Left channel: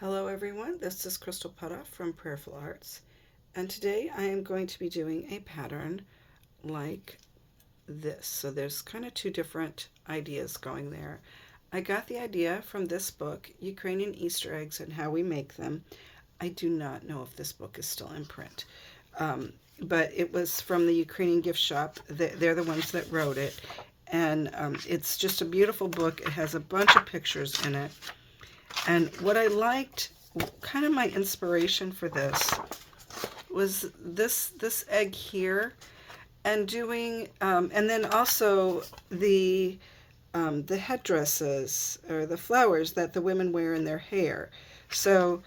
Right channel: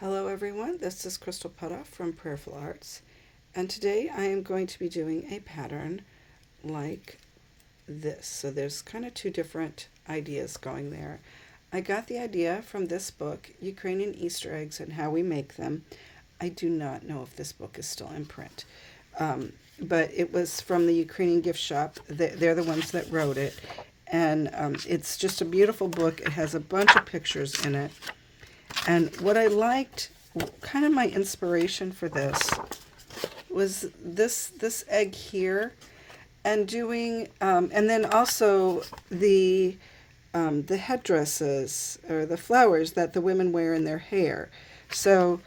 Hello everyone, this is Crystal Potthoff from Prayerful Arts, and today I am going to be doing a pattern like this. So there's kind of two different ideas going there. I got the idea from this book, Ukrainian Easter Eggs and How We Make Them. I do not know if this book is still in print, but it was from the Ukrainian gift shop. They're the ones that wrote it, and it's just a beautiful book. It has a bunch of pictures in it. And what I liked, kind of my inspiration for this, was this egg here, and doing, and then also the headdresses or the flowers that the women wear in their hair. So,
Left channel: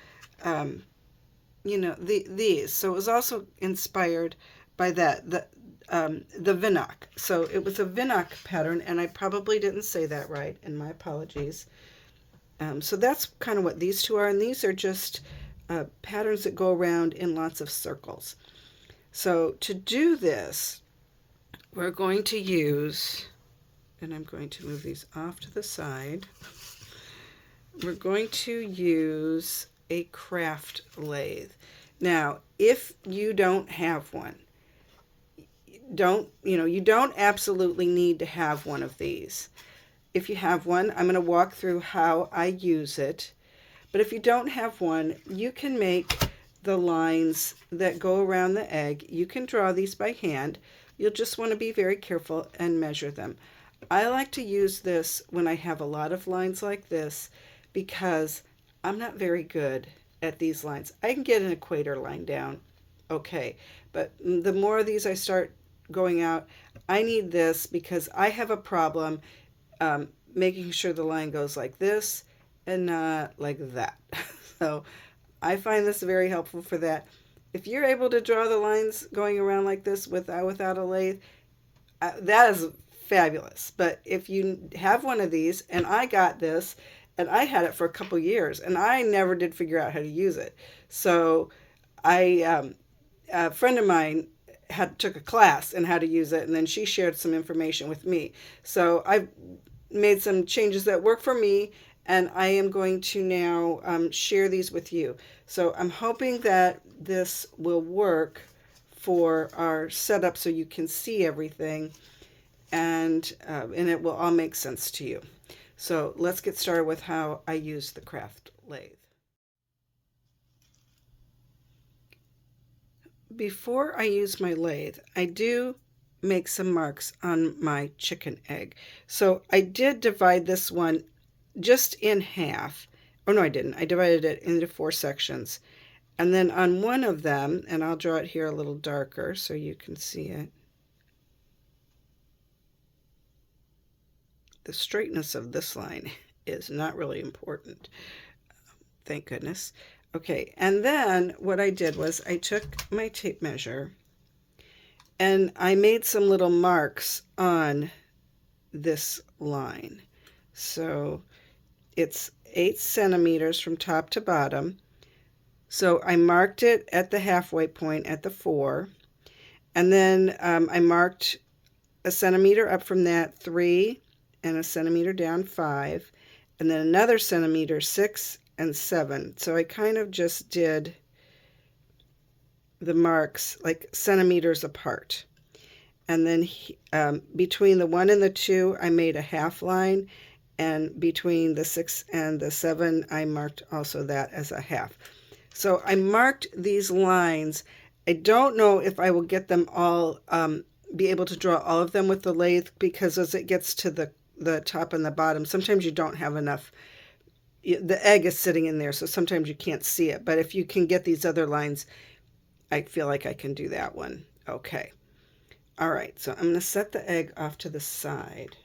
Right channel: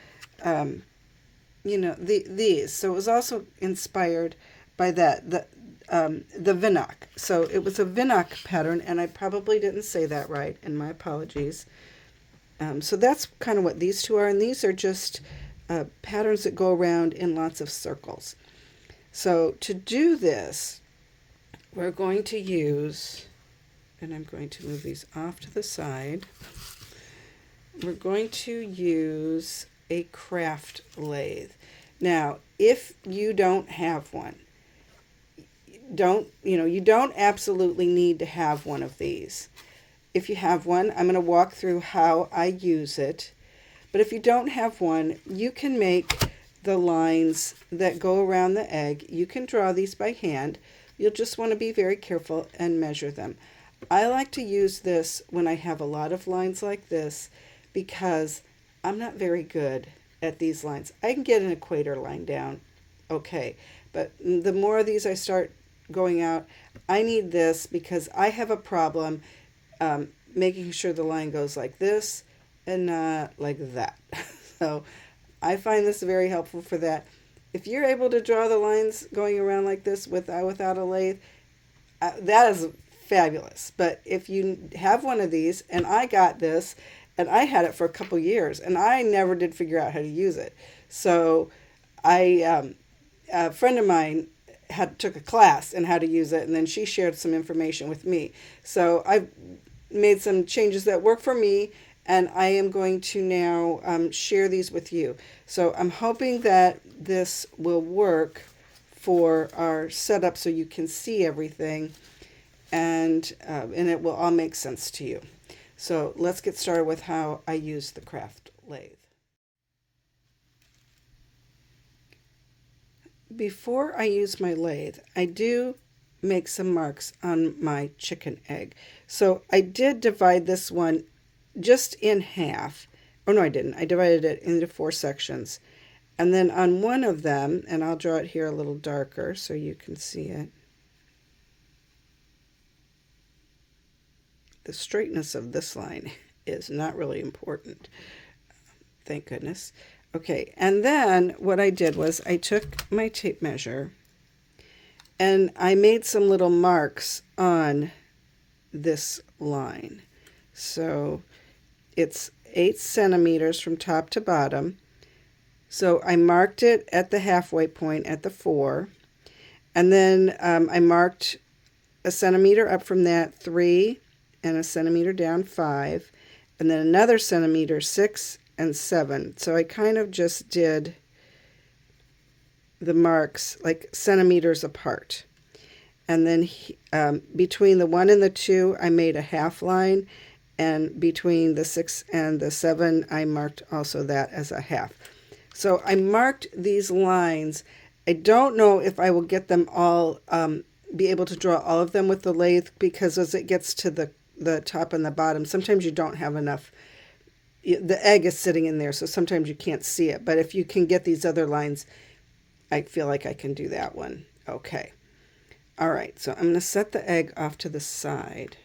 these. So it was also inspired by the vinok. So it was a vinok pattern, and I probably didn't say that right, and my apologies. So that's kind of what these two are, and these are just patterns that go around in lots of circles. So to do this, we're going to use, and I'm going to move these off to the side, we're going to use a craft lathe. Now, if you don't have one, you don't absolutely need to have one of these. If you have one, I'm going to walk through how I use it. But if you don't have one, you can make the lines that go around the egg. You can draw these by hand. You'll just want to be very careful and measure them. I like to use this when I have a lot of lines like this because I'm not very good at these lines. I can get an equator line down, okay. But the more of these I start going out, I need this because I have a problem making sure the line goes like this and not like that. So I find this very helpful for that. If you're able to draw the lines going around like this without a lathe, that is fabulous. But if you have one of these, and I got this, and I had it for a couple years, and I never did figure out how to use it. So a friend of mine took a class in how to use it, and then she shared some information with me. So I made some changes that work for me, and I am going to now share these with you. So I'm hoping that this will work for our setup so you can see everything, and it will all make sense to you. So let's get started with how I use the craft lathe. Before I use my lathe, I do make some marks on my chicken egg. So I did divide this one just in half. Oh, no, I didn't. I divided it into 4 sections. And then on one of them, and I'll draw it here a little darker so you can see it. The straightness of this line is not really important. Thank goodness. Okay, and then what I did was I took my tape measure and I made some little marks on this line. So it's 8 centimeters from top to bottom. So I marked it at the halfway point at the 4. And then I marked a centimeter up from that, 3, and a centimeter down, 5. And then another centimeter, 6 and 7. So I kind of just did the marks like centimeters apart. And then between the 1 and the 2, I made a half line. And between the 6 and the 7, I marked also that as a half. So I marked these lines. I don't know if I will get them all, be able to draw all of them with the lathe, because as it gets to the top and the bottom, sometimes you don't have enough. The egg is sitting in there, so sometimes you can't see it. But if you can get these other lines, I feel like I can do that one. Okay. All right, so I'm going to set the egg off to the side.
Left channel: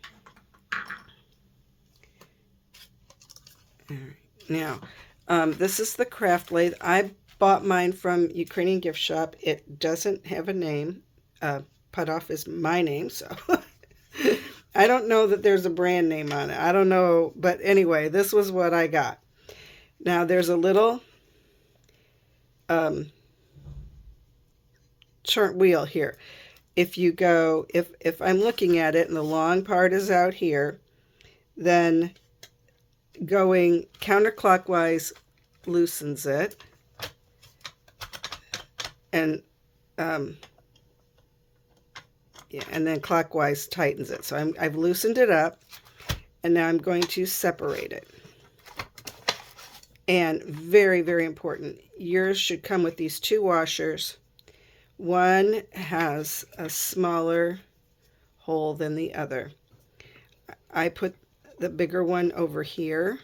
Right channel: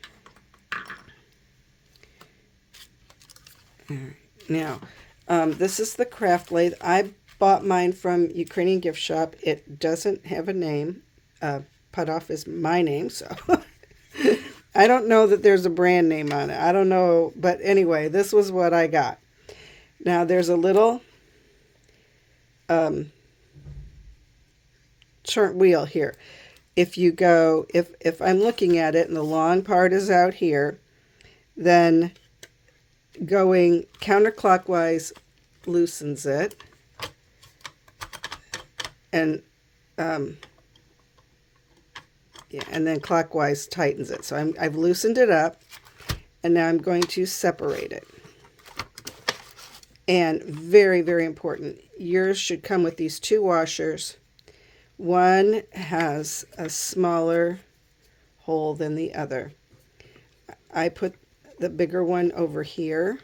Now, this is the craft lathe. I bought mine from Ukrainian gift shop. It doesn't have a name. Potthoff is my name, so I don't know that there's a brand name on it. I don't know, but anyway, this was what I got. Now, there's a little turn wheel here. If you go, if I'm looking at it and the long part is out here, then going counterclockwise loosens it. And yeah, and then clockwise tightens it. So I've loosened it up, and now I'm going to separate it. And very, very important, yours should come with these two washers. One has a smaller hole than the other. I put the bigger one over here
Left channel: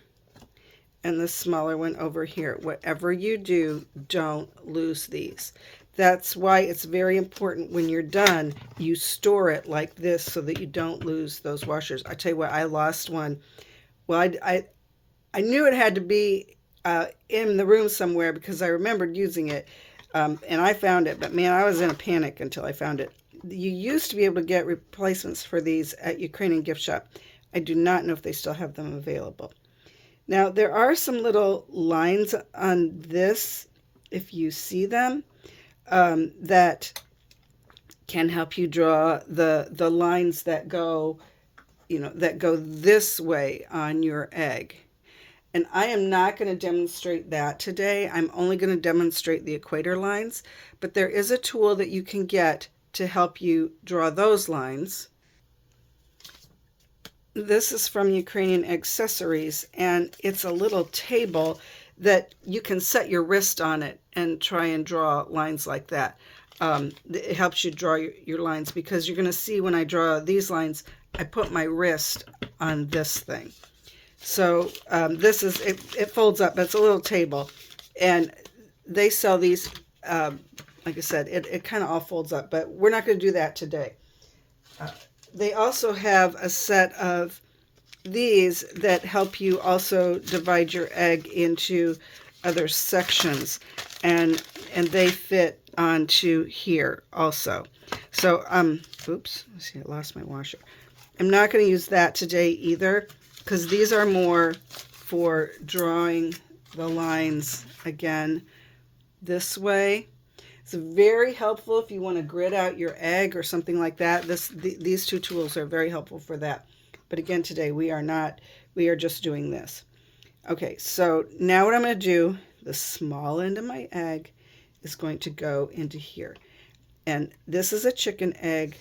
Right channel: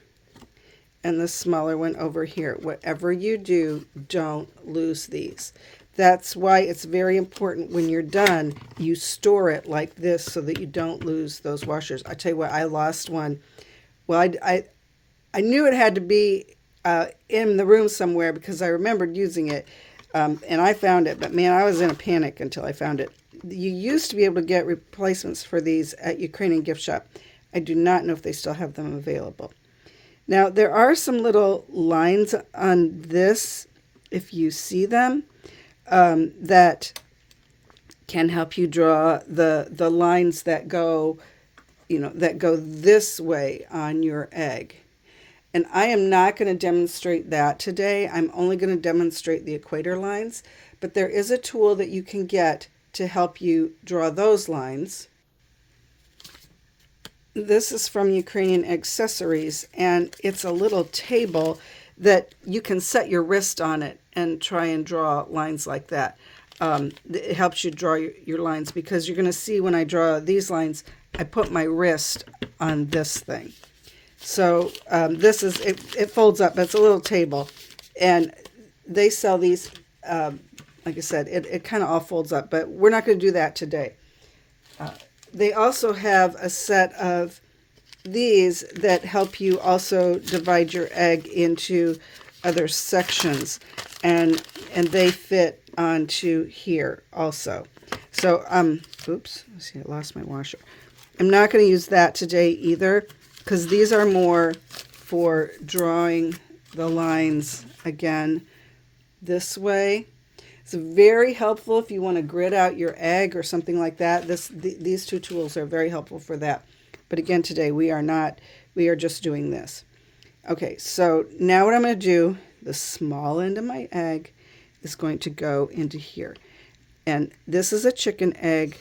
and the smaller one over here. Whatever you do, don't lose these. That's why it's very important when you're done, you store it like this so that you don't lose those washers. I tell you what, I lost one. Well, I knew it had to be in the room somewhere because I remembered using it, and I found it. But man, I was in a panic until I found it. You used to be able to get replacements for these at Ukrainian gift shop. I do not know if they still have them available. Now, there are some little lines on this, if you see them, that can help you draw the lines that go, that go this way on your egg. And I am not going to demonstrate that today. I'm only going to demonstrate the equator lines, but there is a tool that you can get to help you draw those lines. This is from Ukrainian Accessories, and it's a little table that you can set your wrist on it and try and draw lines like that. It helps you draw your lines, because you're going to see when I draw these lines, I put my wrist on this thing. So this is, it folds up. It's a little table, and they sell these, like I said, it kind of all folds up, but we're not going to do that today. They also have a set of these that help you also divide your egg into other sections, and they fit onto here also. So oops, let's see, I lost my washer. I'm not going to use that today either, because these are more for drawing the lines again this way. It's very helpful if you want to grid out your egg or something like that. These two tools are very helpful for that. But again, today we are just doing this. Okay, so now what I'm going to do, the small end of my egg is going to go into here. And this is a chicken egg.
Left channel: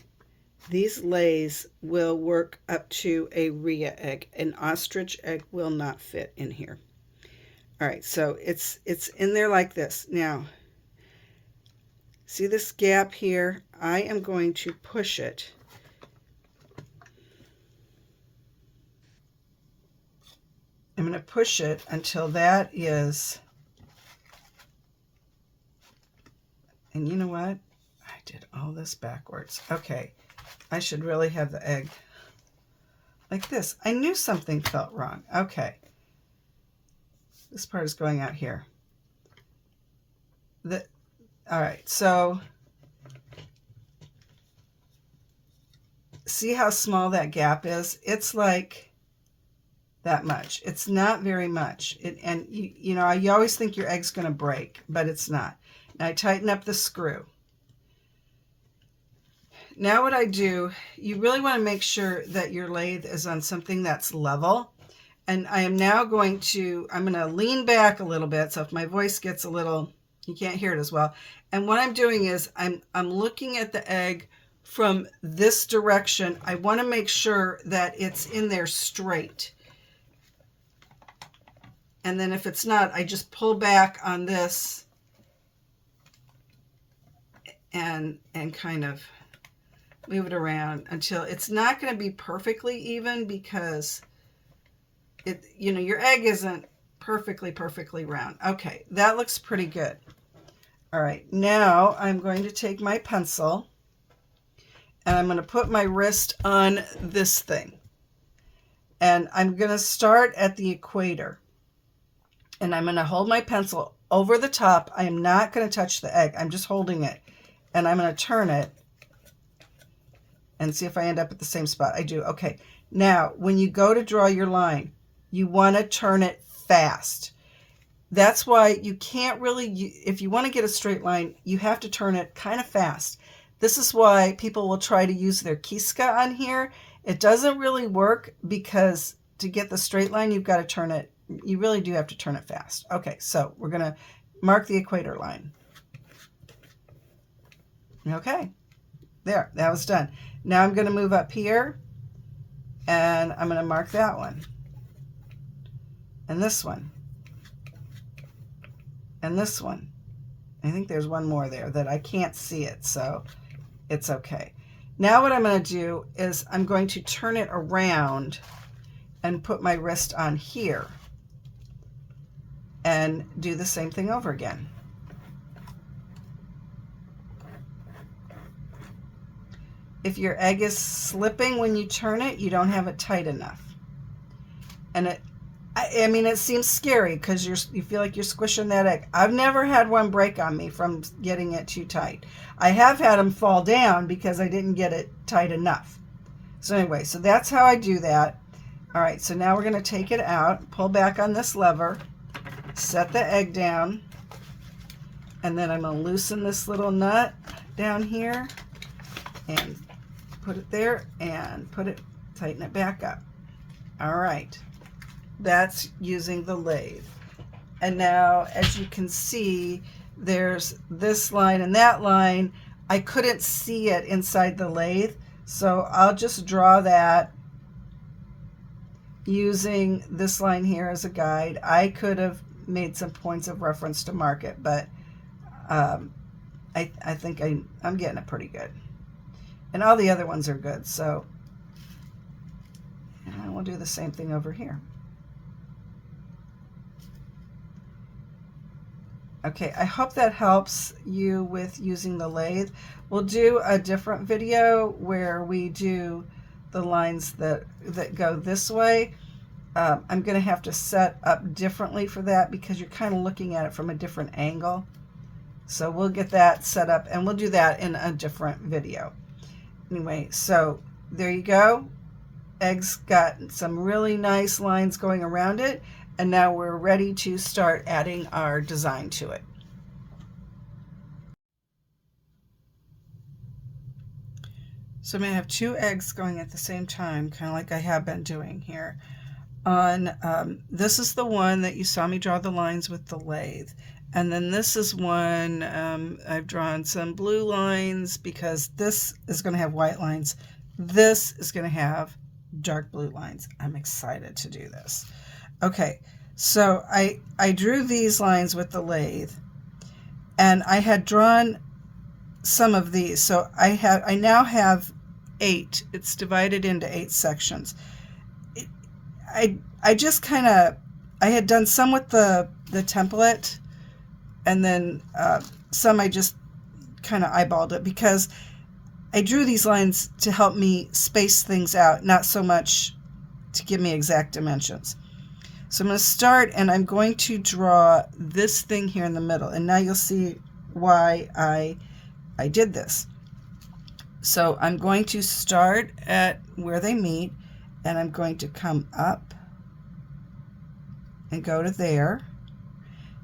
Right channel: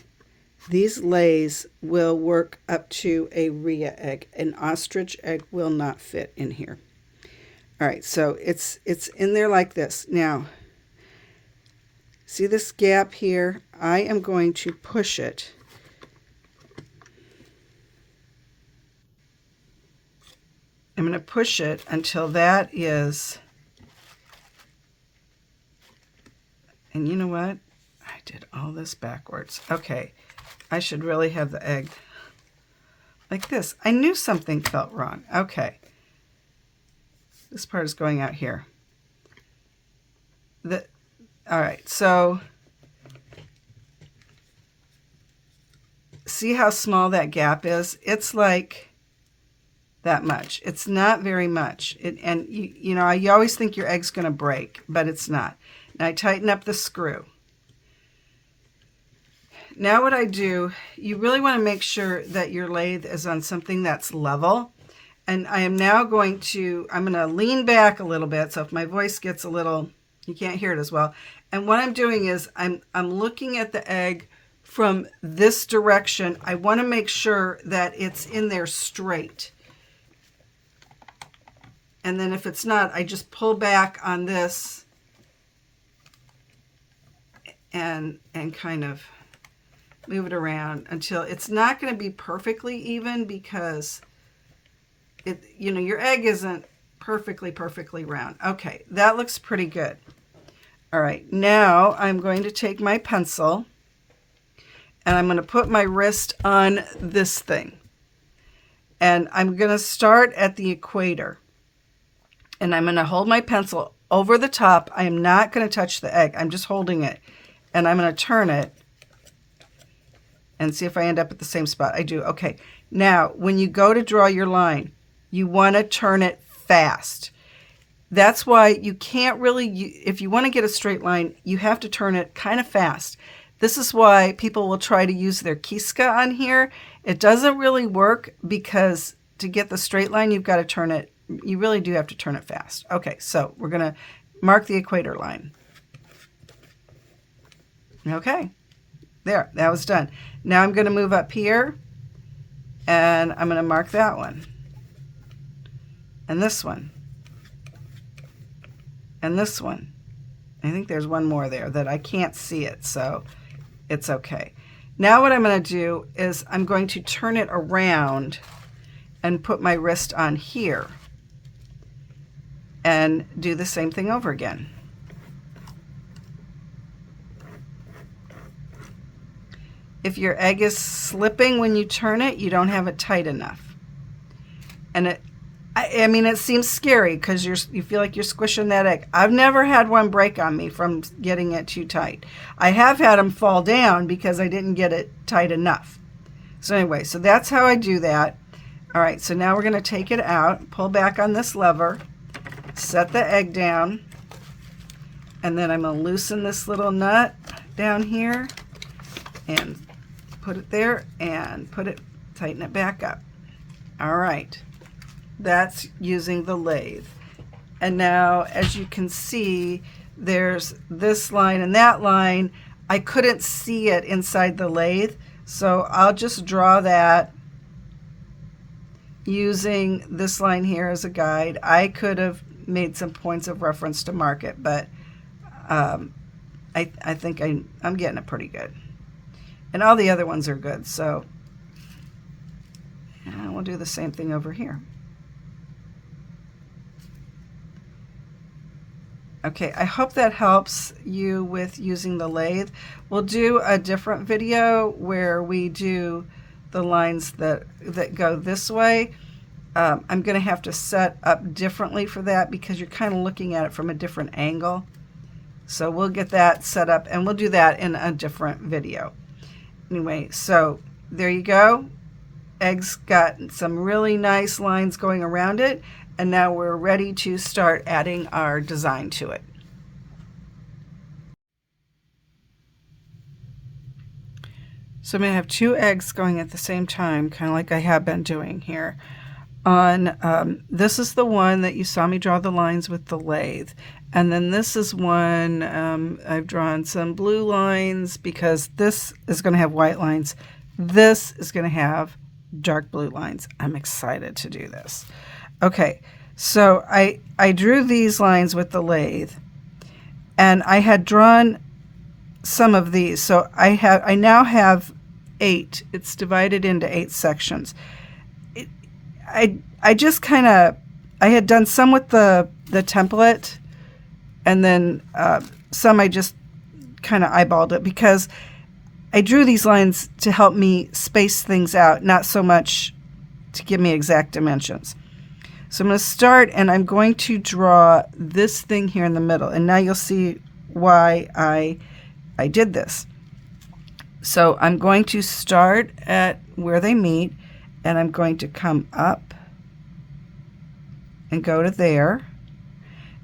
These lays will work up to a rhea egg. An ostrich egg will not fit in here. All right, so it's in there like this. Now, see this gap here? I am going to push it. I'm going to push it until that is, and you know what? I did all this backwards. Okay, I should really have the egg like this. I knew something felt wrong. Okay, this part is going out here. All right, so see how small that gap is? It's like that much. It's not very much. And you know, you always think your egg's going to break, but it's not. Now I tighten up the screw. Now what I do, you really want to make sure that your lathe is on something that's level. And I am now going to, I'm going to lean back a little bit, so if my voice gets a little, you can't hear it as well. And what I'm doing is I'm looking at the egg from this direction. I want to make sure that it's in there straight. And then if it's not, I just pull back on this and kind of move it around until it's not going to be perfectly even, because your egg isn't perfectly round. Okay, that looks pretty good. All right, now I'm going to take my pencil and I'm going to put my wrist on this thing. And I'm going to start at the equator. And I'm going to hold my pencil over the top. I am not going to touch the egg. I'm just holding it. And I'm going to turn it and see if I end up at the same spot. I do. Okay. Now, when you go to draw your line, you want to turn it fast. That's why you can't really, if you want to get a straight line, you have to turn it kind of fast. This is why people will try to use their kiska on here. It doesn't really work, because to get the straight line, you've got to turn it you really do have to turn it fast. Okay, so we're going to mark the equator line. Okay, there, that was done. Now I'm going to move up here, and I'm going to mark that one, and this one, and this one. I think there's one more there that I can't see it, so it's okay. Now what I'm going to do is I'm going to turn it around and put my wrist on here and do the same thing over again. If your egg is slipping when you turn it, you don't have it tight enough. And I mean, it seems scary because you feel like you're squishing that egg. I've never had one break on me from getting it too tight. I have had them fall down because I didn't get it tight enough. So anyway, so that's how I do that. All right, so now we're going to take it out, pull back on this lever, set the egg down, and then I'm going to loosen this little nut down here and put it there and tighten it back up. All right, that's using the lathe. And now, as you can see, there's this line and that line. I couldn't see it inside the lathe, so I'll just draw that using this line here as a guide. I could have made some points of reference to mark it, but I think I'm getting it pretty good. And all the other ones are good, so we'll do the same thing over here. Okay, I hope that helps you with using the lathe. We'll do a different video where we do the lines that go this way. I'm going to have to set up differently for that because you're kind of looking at it from a different angle. So we'll get that set up, and we'll do that in a different video. Anyway, so there you go. Egg's got some really nice lines going around it, and now we're ready to start adding our design to it. So I'm going to have 2 eggs going at the same time, kind of like I have been doing here. This is the one that you saw me draw the lines with the lathe. And then this is one, I've drawn some blue lines because this is going to have white lines. This is going to have dark blue lines. I'm excited to do this. Okay, so I drew these lines with the lathe, and I had drawn some of these. So I now have 8. It's divided into 8 sections. I just kind of, I had done some with the template, and then some I just kind of eyeballed it because I drew these lines to help me space things out, not so much to give me exact dimensions. So I'm going to start, and I'm going to draw this thing here in the middle, and now you'll see why I did this. So I'm going to start at where they meet, and I'm going to come up and go to there,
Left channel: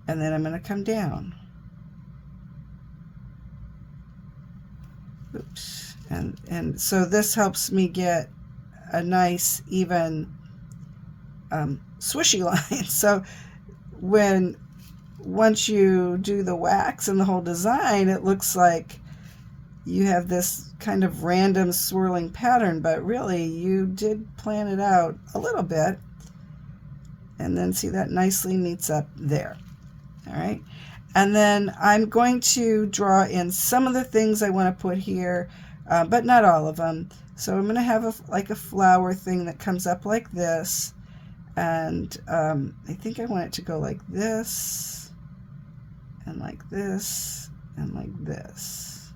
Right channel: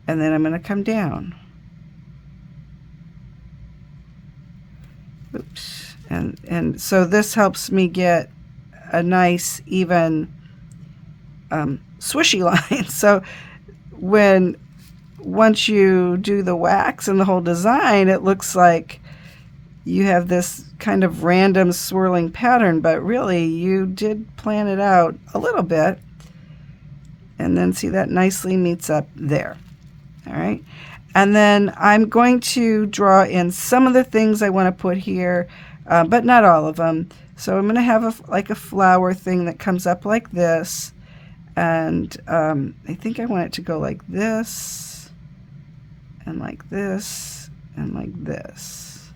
and then I'm going to come down. Oops. And so this helps me get a nice even swishy line. So once you do the wax and the whole design, it looks like you have this kind of random swirling pattern, but really you did plan it out a little bit. And then see, that nicely meets up there. All right. And then I'm going to draw in some of the things I want to put here, but not all of them. So I'm going to have like a flower thing that comes up like this. And I think I want it to go like this, and like this, and like this.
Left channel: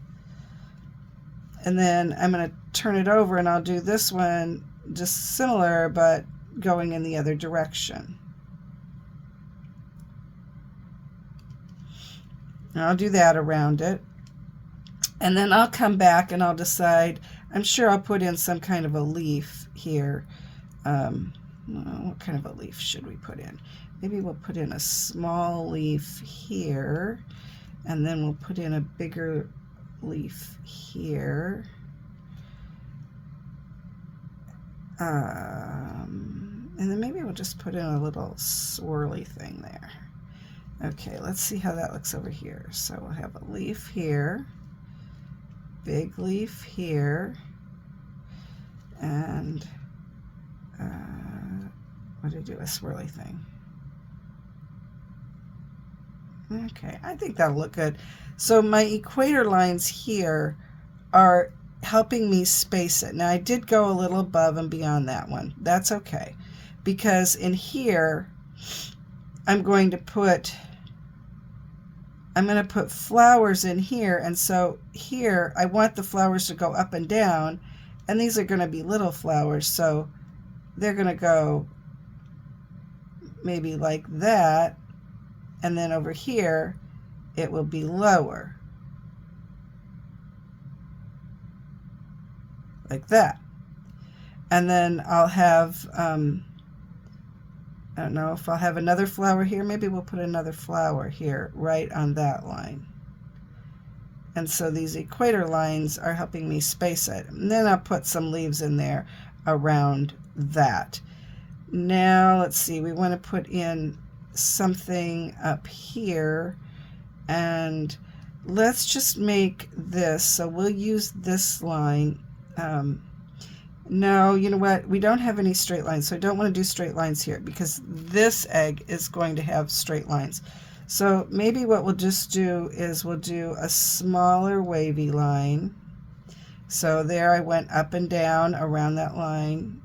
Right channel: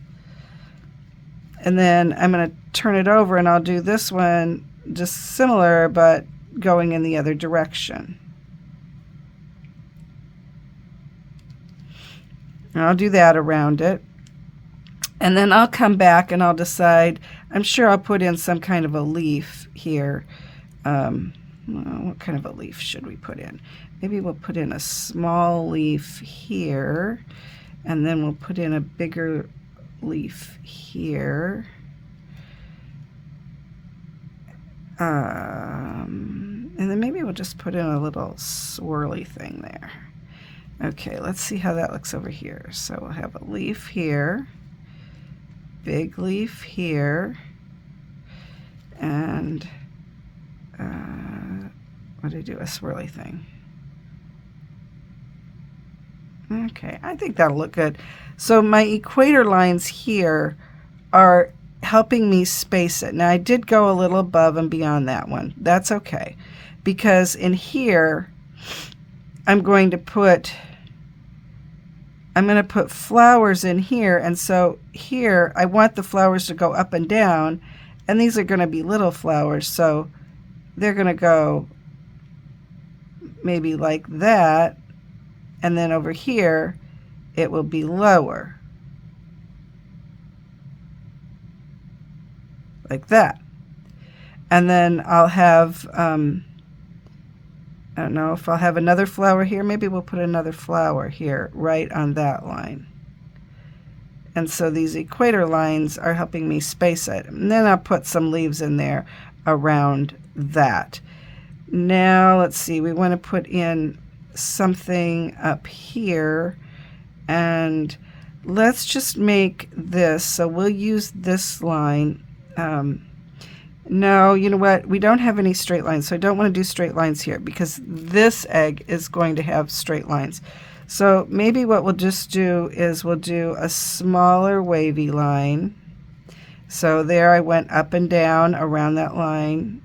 And then I'm going to turn it over, and I'll do this one just similar, but going in the other direction. And I'll do that around it. And then I'll come back and I'll decide, I'm sure I'll put in some kind of a leaf here. Well, what kind of a leaf should we put in? Maybe we'll put in a small leaf here, and then we'll put in a bigger leaf here. And then maybe we'll just put in a little swirly thing there. Okay, let's see how that looks over here. So we'll have a leaf here, big leaf here, and what do I do? A swirly thing. Okay, I think that'll look good. So my equator lines here are helping me space it. Now I did go a little above and beyond that one. That's okay, because in here I'm going to put flowers in here, and so here I want the flowers to go up and down, and these are going to be little flowers, so they're going to go maybe like that, and then over here it will be lower, like that. And then I'll have, I don't know if I'll have another flower here. Maybe we'll put another flower here right on that line. And so these equator lines are helping me space it. And then I'll put some leaves in there around that. Now let's see, we want to put in something up here, and let's just make this. So we'll use this line. No, you know what? We don't have any straight lines, so I don't want to do straight lines here because this egg is going to have straight lines. So maybe what we'll just do is we'll do a smaller wavy line. So there I went up and down around that line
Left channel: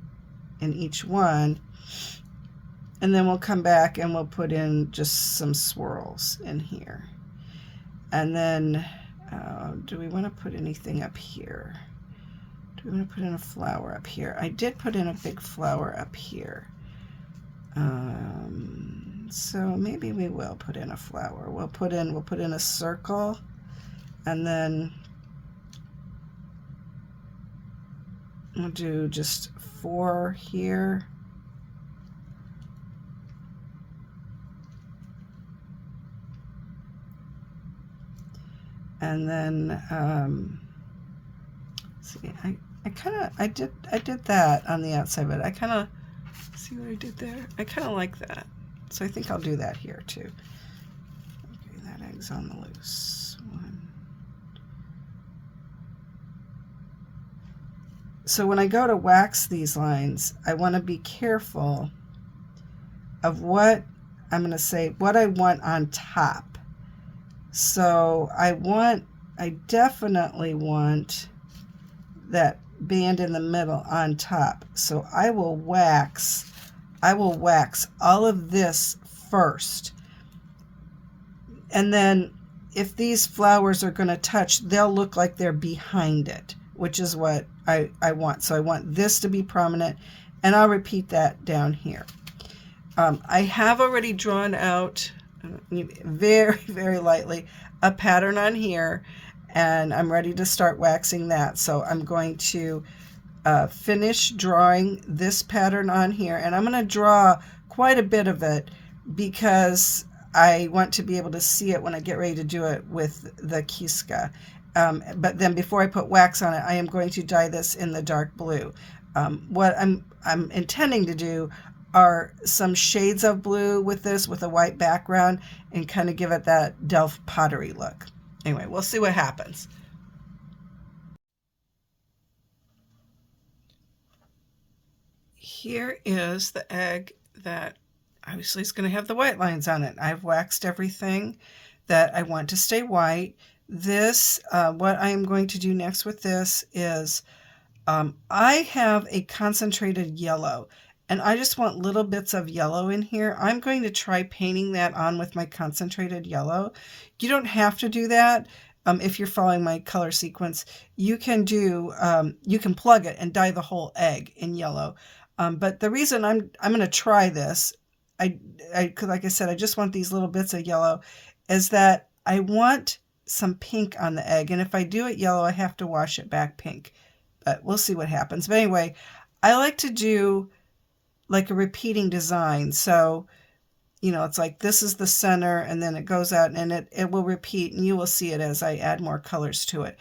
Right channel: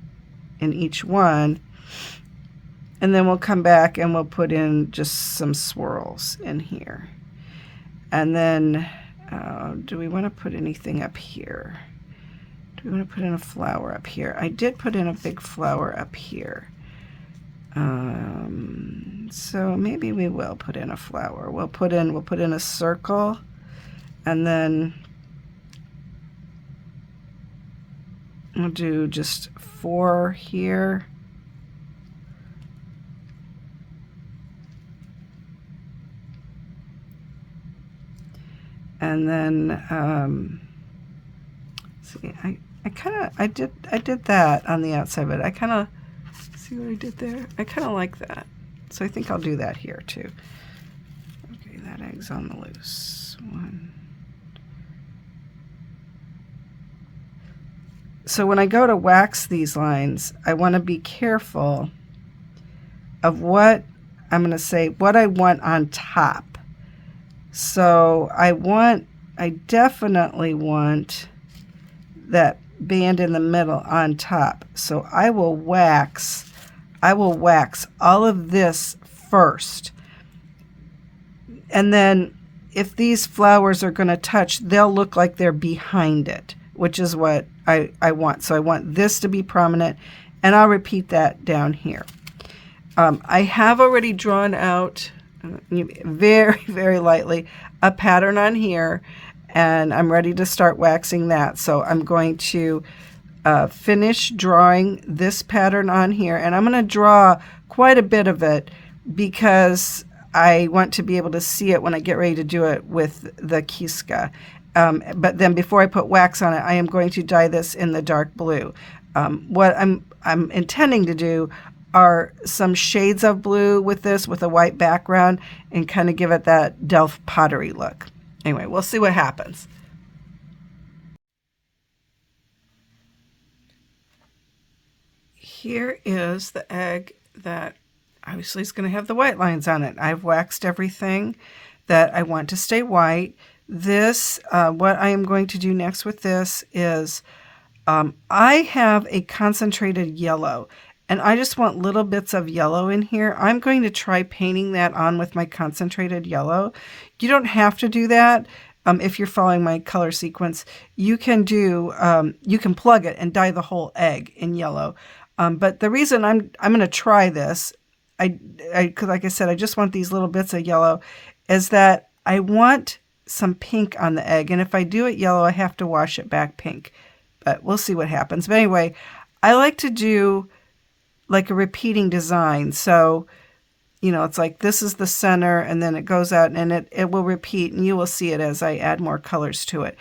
in each one. And then we'll come back and we'll put in just some swirls in here. And then do we want to put anything up here? Do we want to put in a flower up here? I did put in a big flower up here. So maybe we will put in a flower. We'll put in a circle, and then we'll do just 4 here. And then see, I did that on the outside, but I kind of see what I did there. I kind of like that, so I think I'll do that here too. Okay, that egg's on the loose. 1. So when I go to wax these lines, I want to be careful of what I'm going to say, what I want on top. So I definitely want that band in the middle on top. So I will wax all of this first. And then if these flowers are going to touch, they'll look like they're behind it, which is what I want. So I want this to be prominent, and I'll repeat that down here. I have already drawn out very, very lightly a pattern on here, and I'm ready to start waxing that. So I'm going to finish drawing this pattern on here, and I'm going to draw quite a bit of it because I want to be able to see it when I get ready to do it with the Kiska. But then before I put wax on it, I am going to dye this in the dark blue. What I'm intending to do are some shades of blue with this, with a white background, and kind of give it that Delft pottery look. Anyway, we'll see what happens. Here is the egg that obviously is going to have the white lines on it. I've waxed everything that I want to stay white. This, what I am going to do next with this is I have a concentrated yellow, and I just want little bits of yellow in here. I'm going to try painting that on with my concentrated yellow. You don't have to do that. If you're following my color sequence, you can plug it and dye the whole egg in yellow. But the reason I'm going to try this, cause like I said, I just want these little bits of yellow, is that I want some pink on the egg. And if I do it yellow, I have to wash it back pink. But we'll see what happens. But anyway, I like to do like a repeating design. So, you know, it's like this is the center, and then it goes out, and it will repeat, and you will see it as I add more colors to it.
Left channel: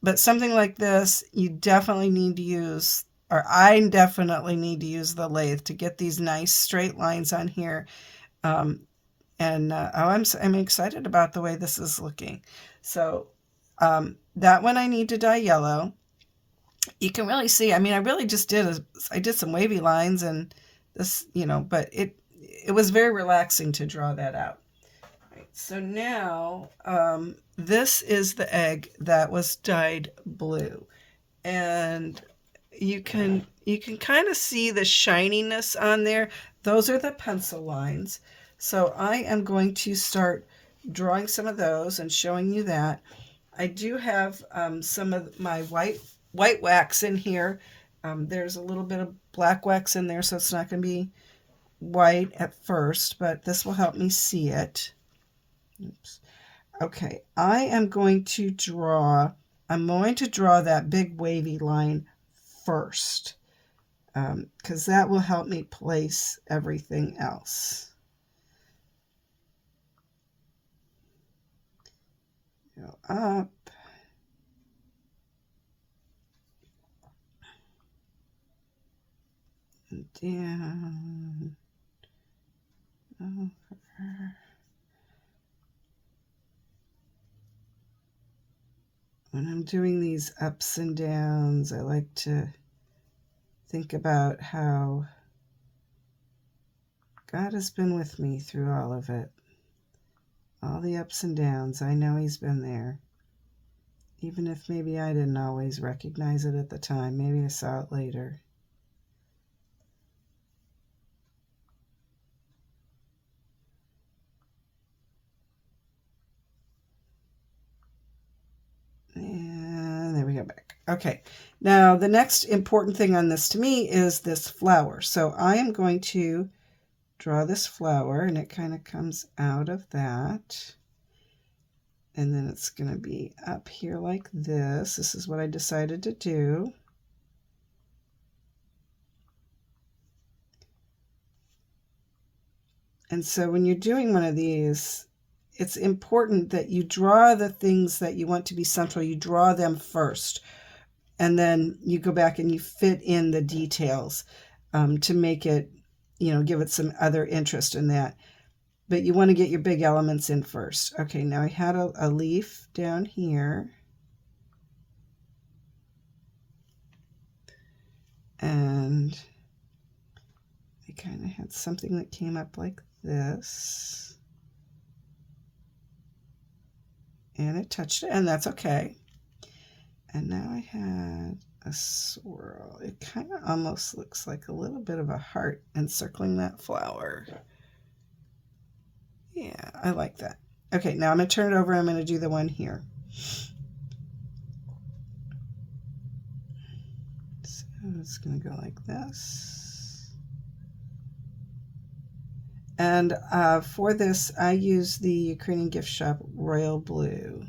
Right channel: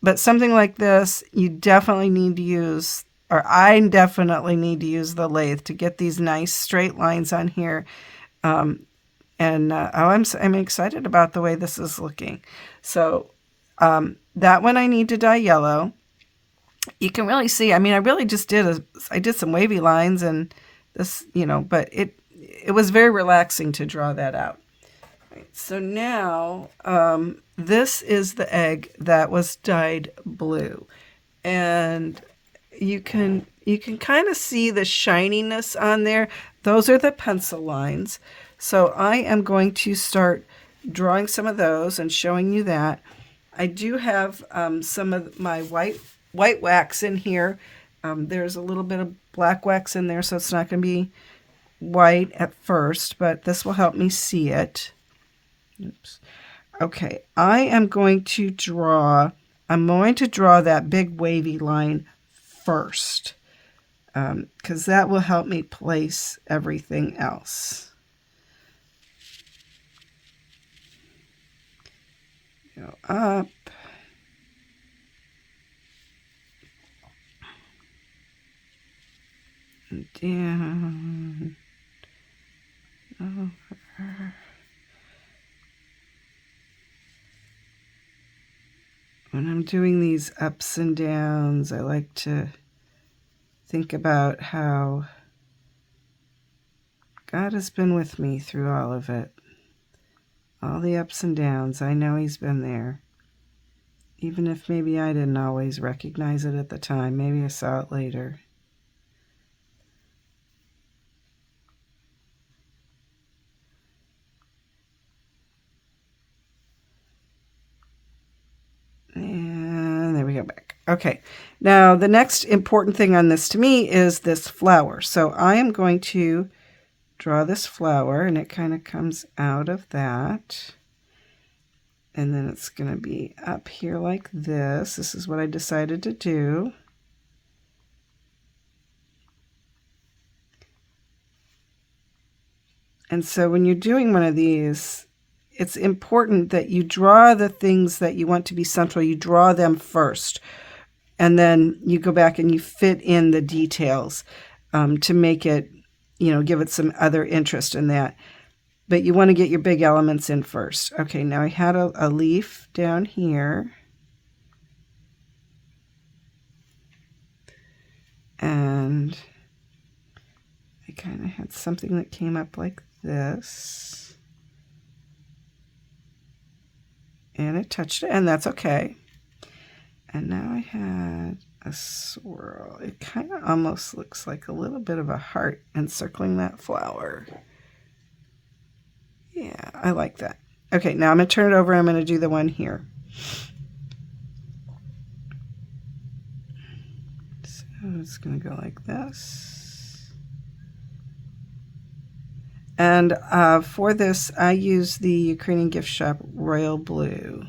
But something like this, you definitely need to use or I definitely need to use the lathe to get these nice straight lines on here. I'm excited about the way this is looking. So that one I need to dye yellow. You can really see, I mean, I really just I did some wavy lines and this, but it was very relaxing to draw that out. Right, so now this is the egg that was dyed blue. And you can kind of see the shininess on there. Those are the pencil lines. So I am going to start drawing some of those and showing you that. I do have some of my white wax in here. There's a little bit of black wax in there, so it's not going to be white at first, but this will help me see it. Oops. Okay, I'm going to draw that big wavy line first, because that will help me place everything else. Go up. And down. Over. When I'm doing these ups and downs, I like to think about how God has been with me through all of it. All the ups and downs, I know He's been there. Even if maybe I didn't always recognize it at the time, maybe I saw it later. And there we go back. Okay, now the next important thing on this to me is this flower. So I am going to draw this flower, and it kind of comes out of that. And then it's going to be up here like this. This is what I decided to do. And so when you're doing one of these, it's important that you draw the things that you want to be central. You draw them first. And then you go back and you fit in the details to make it, give it some other interest in that. But you want to get your big elements in first. Okay, now I had a leaf down here. And I kind of had something that came up like this. And it touched it, and that's okay. And now I had a swirl. It kind of almost looks like a little bit of a heart encircling that flower. Yeah, I like that. Okay, now I'm going to turn it over. I'm going to do the one here. So it's going to go like this. And for this, I use the Ukrainian gift shop Royal Blue.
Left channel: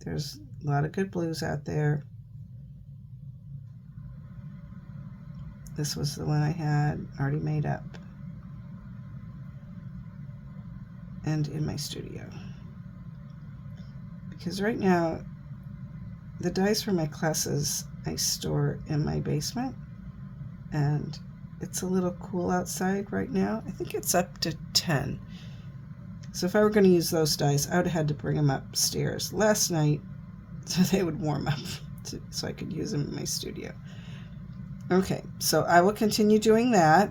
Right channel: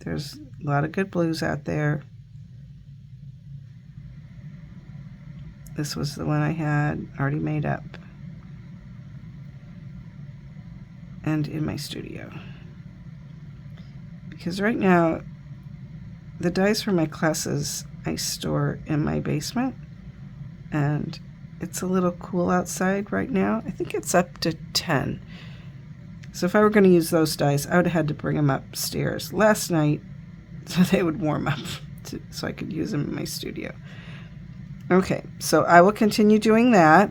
There's a lot of good blues out there. This was the one I had already made up and in my studio. Because right now, the dyes for my classes I store in my basement, and it's a little cool outside right now. I think it's up to 10. So if I were going to use those dyes, I would have had to bring them upstairs last night so they would warm up so I could use them in my studio. Okay, so I will continue doing that.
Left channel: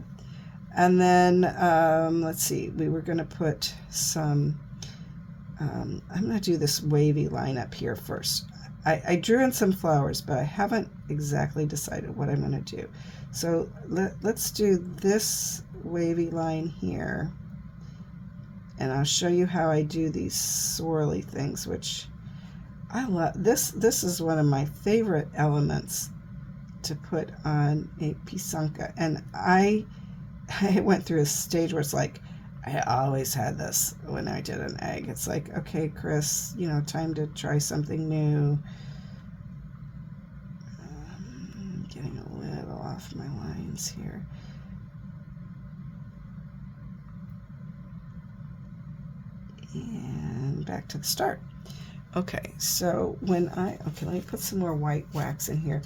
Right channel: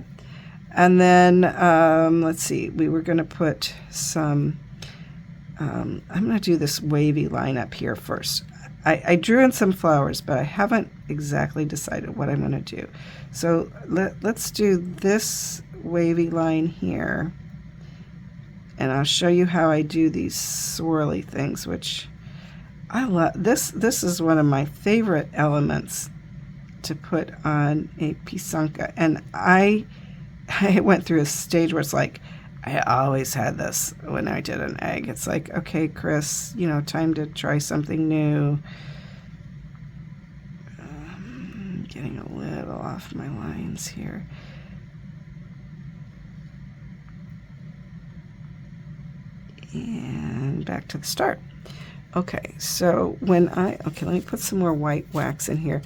And then, let's see, we were going to put some, I'm going to do this wavy line up here first. I drew in some flowers, but I haven't exactly decided what I'm going to do. So let's do this wavy line here. And I'll show you how I do these swirly things, which I love. This is one of my favorite elements to put on a Pysanky. And I went through a stage where it's like, I always had this when I did an egg. It's like, okay, Chris, time to try something new. Getting a little off my lines here. And back to the start. Okay, so okay, let me put some more white wax in here,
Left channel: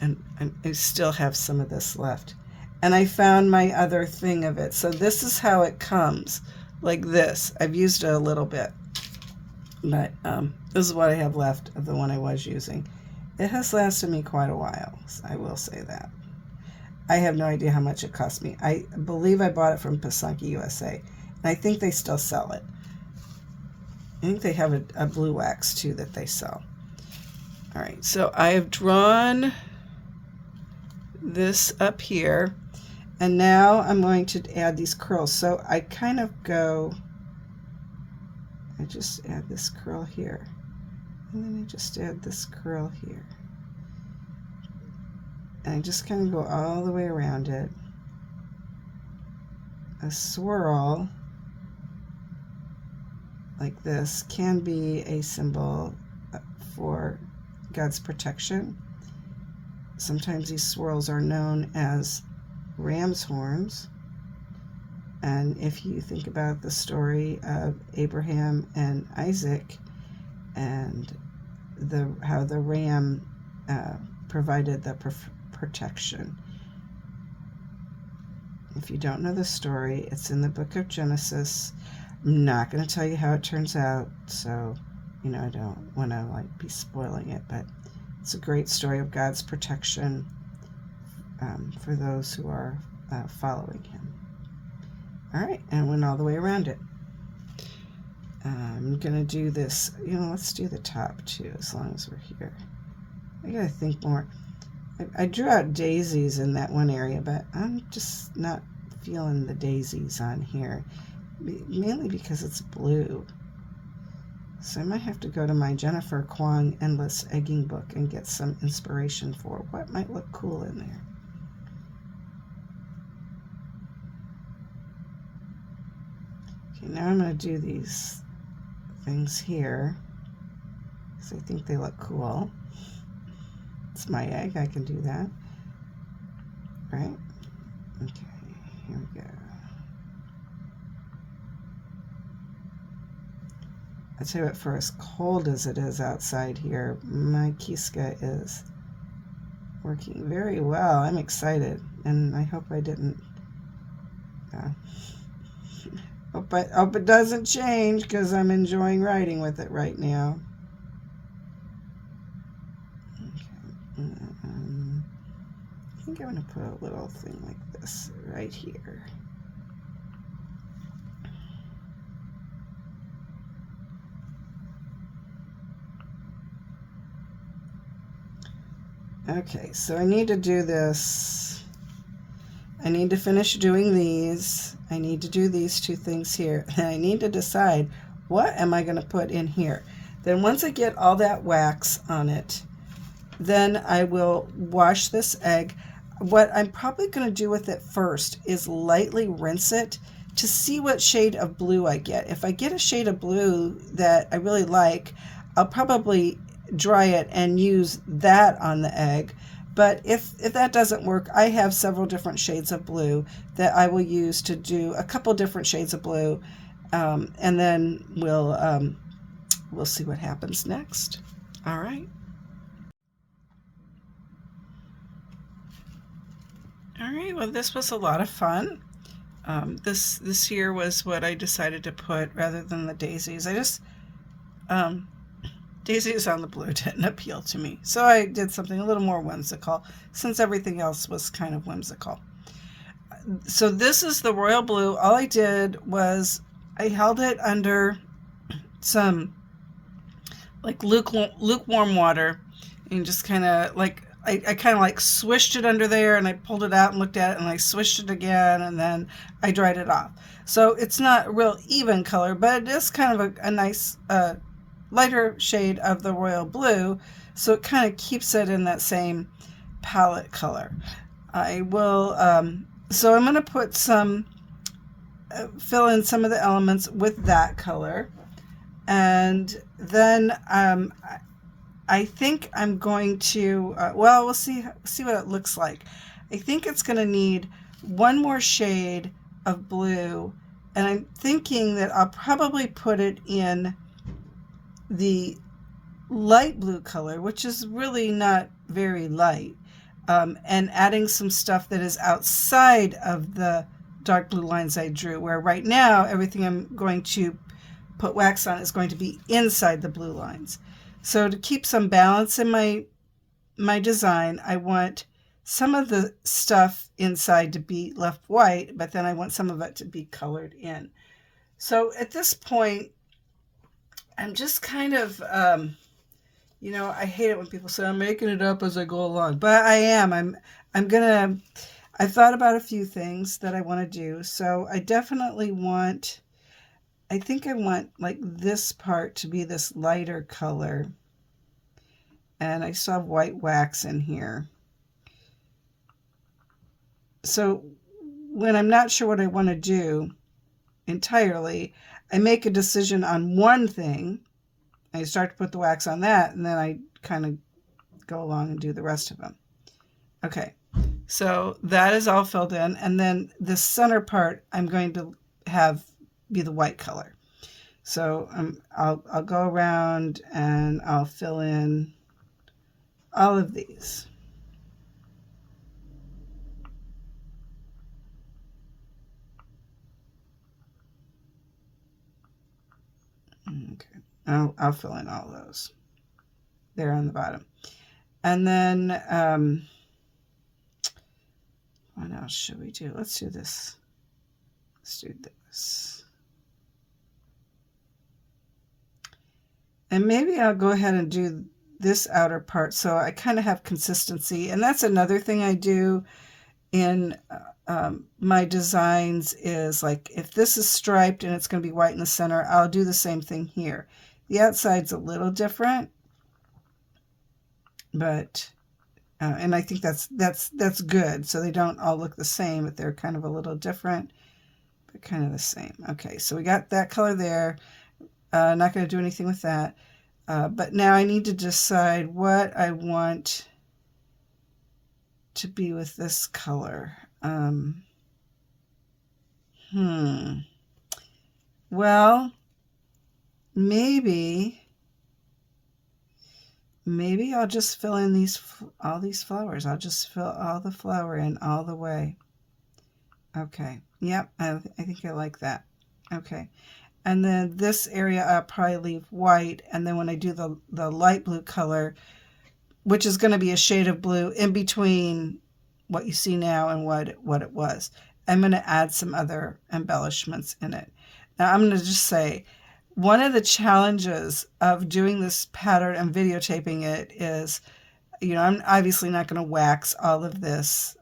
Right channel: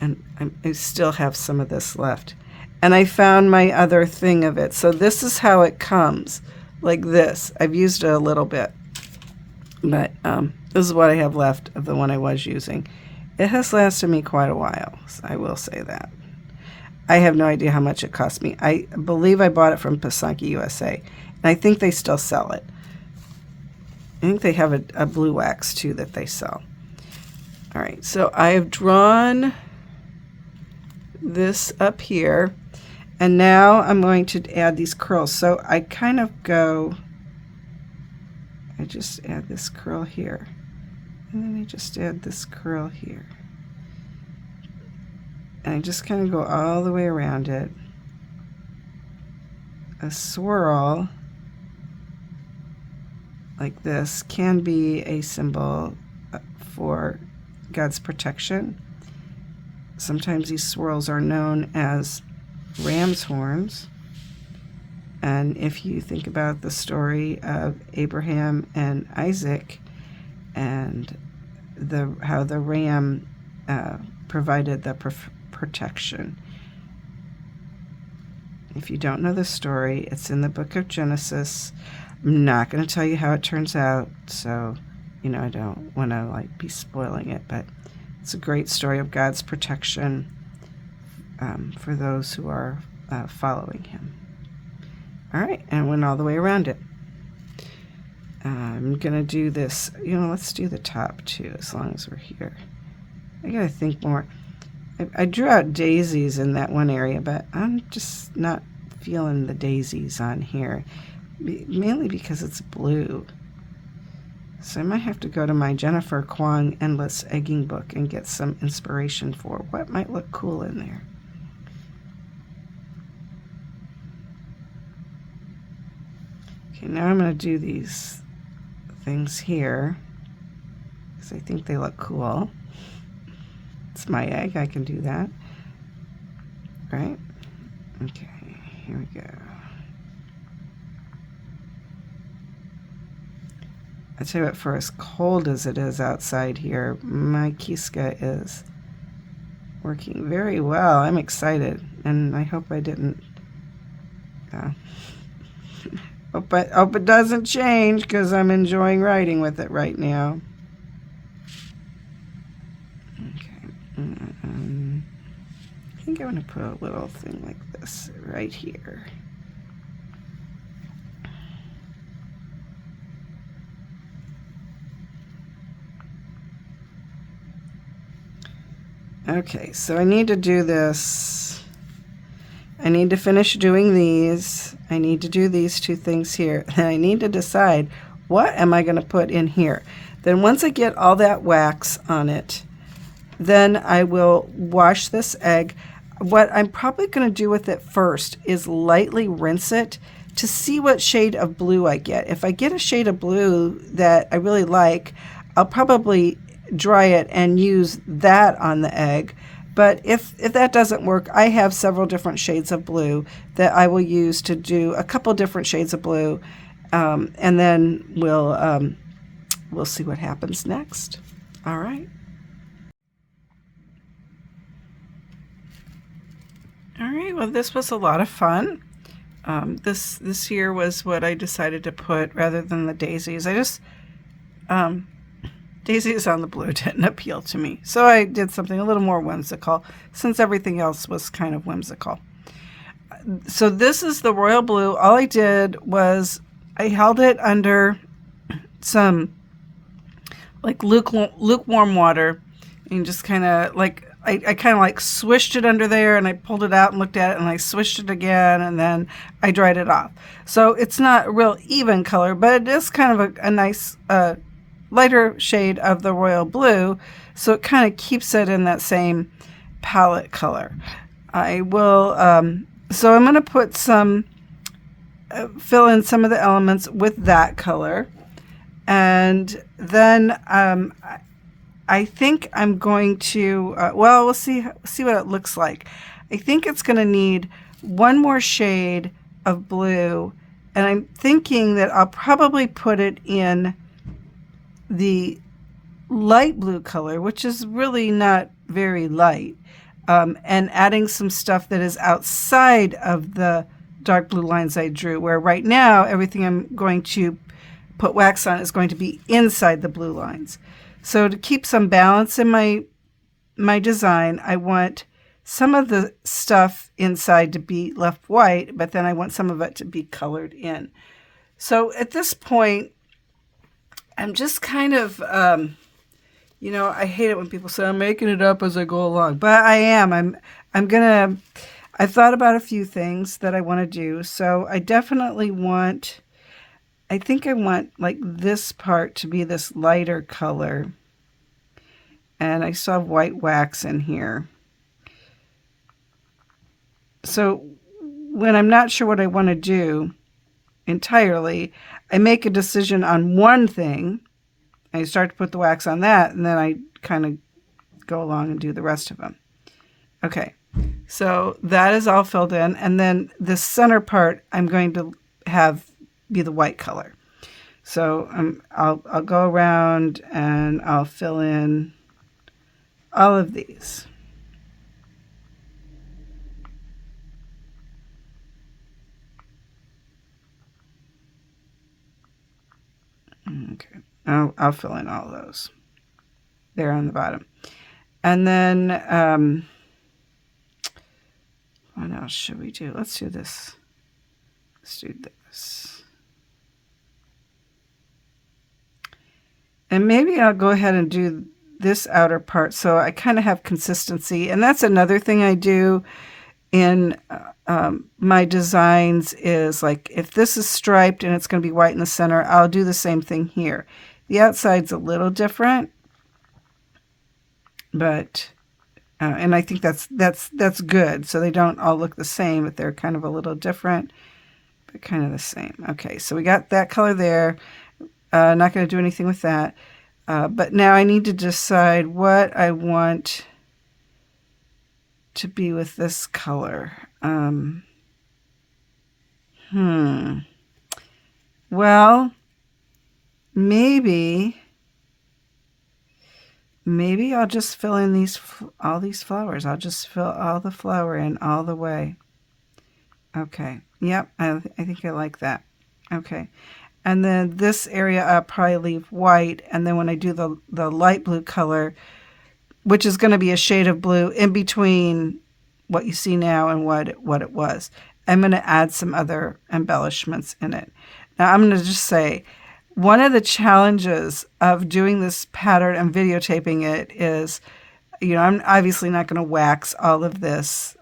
and I still have some of this left. And I found my other thing of it. So this is how it comes, like this. I've used it a little bit, but this is what I have left of the one I was using. It has lasted me quite a while, so I will say that. I have no idea how much it cost me. I believe I bought it from Pysanky, USA, and I think they still sell it. I think they have a blue wax too that they sell. All right, so I have drawn this up here, and now I'm going to add these curls. So I kind of go, I just add this curl here, and then I just add this curl here. And I just kind of go all the way around it. A swirl like this can be a symbol for God's protection. Sometimes these swirls are known as ram's horns. And if you think about the story of Abraham and Isaac and how the ram provided the protection. If you don't know the story, it's in the book of Genesis. I'm not going to tell you how it turns out, so I don't want to be spoiling it, but it's a great story of God's protection for those who are following him. All right, and I went all the way around it. I'm going to do this, let's do the top too, as long as we're here. I got to think more. I drew out daisies in that one area, but I'm just not feeling the daisies on here, mainly because it's blue. So I might have to go to my Jennifer Kwong Endless Egging book and get some inspiration for what might look cool in there. Okay, now I'm going to do these things here because I think they look cool. It's my egg, I can do that. Right? Okay, here we go. I tell you what, for as cold as it is outside here, my Kiska is working very well. I'm excited, and I hope I didn't. Hope it doesn't change because I'm enjoying writing with it right now. I think I'm going to put a little thing like this right here. Okay, so I need to do this. I need to finish doing these. I need to do these two things here. And I need to decide what am I going to put in here. Then once I get all that wax on it, then I will wash this egg. What I'm probably going to do with it first is lightly rinse it to see what shade of blue I get. If I get a shade of blue that I really like, I'll probably dry it and use that on the egg. But if that doesn't work, I have several different shades of blue that I will use to do a couple different shades of blue, and then we'll see what happens next. All right. All right, well, this was a lot of fun. This year was what I decided to put rather than the daisies. I just, daisies on the blue didn't appeal to me. So I did something a little more whimsical since everything else was kind of whimsical. So this is the royal blue. All I did was I held it under some lukewarm water and just kind of I kind of swished it under there, and I pulled it out and looked at it, and I swished it again, and then I dried it off. So it's not a real even color, but it is kind of a nice lighter shade of the royal blue, so it kind of keeps it in that same palette color. I will, so I'm going to put some, fill in some of the elements with that color, and then I think I'm going to, well, we'll see what it looks like. I think it's going to need one more shade of blue, and I'm thinking that I'll probably put it in the light blue color, which is really not very light, and adding some stuff that is outside of the dark blue lines I drew, where right now everything I'm going to put wax on is going to be inside the blue lines. So to keep some balance in my design, I want some of the stuff inside to be left white, but then I want some of it to be colored in. So at this point, I'm just kind of, I hate it when people say I'm making it up as I go along, but I am. I thought about a few things that I want to do. So I definitely I think I want like this part to be this lighter color. And I still have white wax in here. So when I'm not sure what I want to do entirely, I make a decision on one thing. I start to put the wax on that, and then I kind of go along and do the rest of them. Okay, so that is all filled in. And then the center part, I'm going to have be the white color. So I'll go around and I'll fill in all of these. Okay, I'll fill in all of those there on the bottom. And then what else should we do? Let's do this. Let's do this. And maybe I'll go ahead and do this outer part so I kind of have consistency. And that's another thing I do in my designs is like if this is striped and it's going to be white in the center, I'll do the same thing here. The outside's a little different, but and I think that's good. So they don't all look the same, but they're kind of a little different, but kind of the same. Okay, so we got that color there. Not going to do anything with that. But now I need to decide what I want to be with this color. Well, maybe I'll just fill in all these flowers. I'll just fill all the flower in all the way. Okay. Yep. I think I like that. Okay. And then this area I'll probably leave white. And then when I do the light blue color, which is going to be a shade of blue in between what you see now and what it was, I'm going to add some other embellishments in it. Now I'm going to just say, one of the challenges of doing this pattern and videotaping it is, I'm obviously not going to wax all of this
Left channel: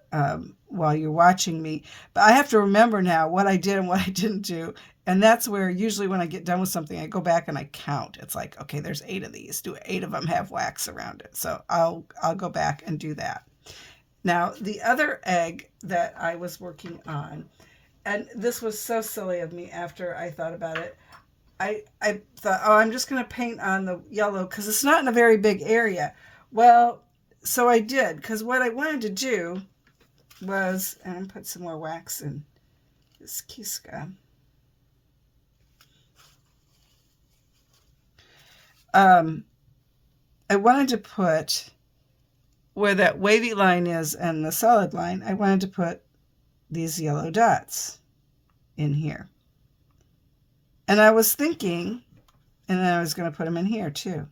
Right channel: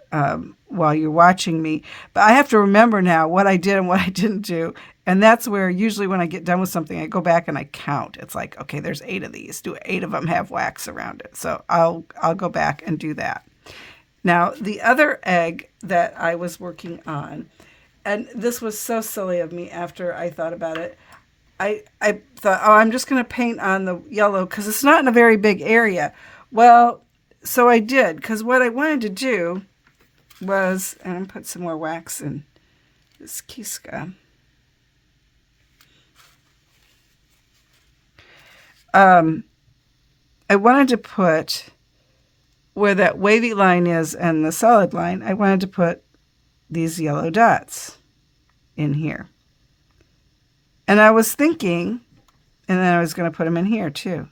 while you're watching me, but I have to remember now what I did and what I didn't do. And that's where usually when I get done with something, I go back and I count. It's like, okay, there's 8 of these. Do 8 of them have wax around it? So I'll go back and do that. Now, the other egg that I was working on, and this was so silly of me after I thought about it, I thought, I'm just going to paint on the yellow because it's not in a very big area. Well, so I did, because what I wanted to do was, and I'm put some more wax in this Kiska. I wanted to put where that wavy line is and the solid line, I wanted to put these yellow dots in here. And I was thinking, and then I was going to put them in here too.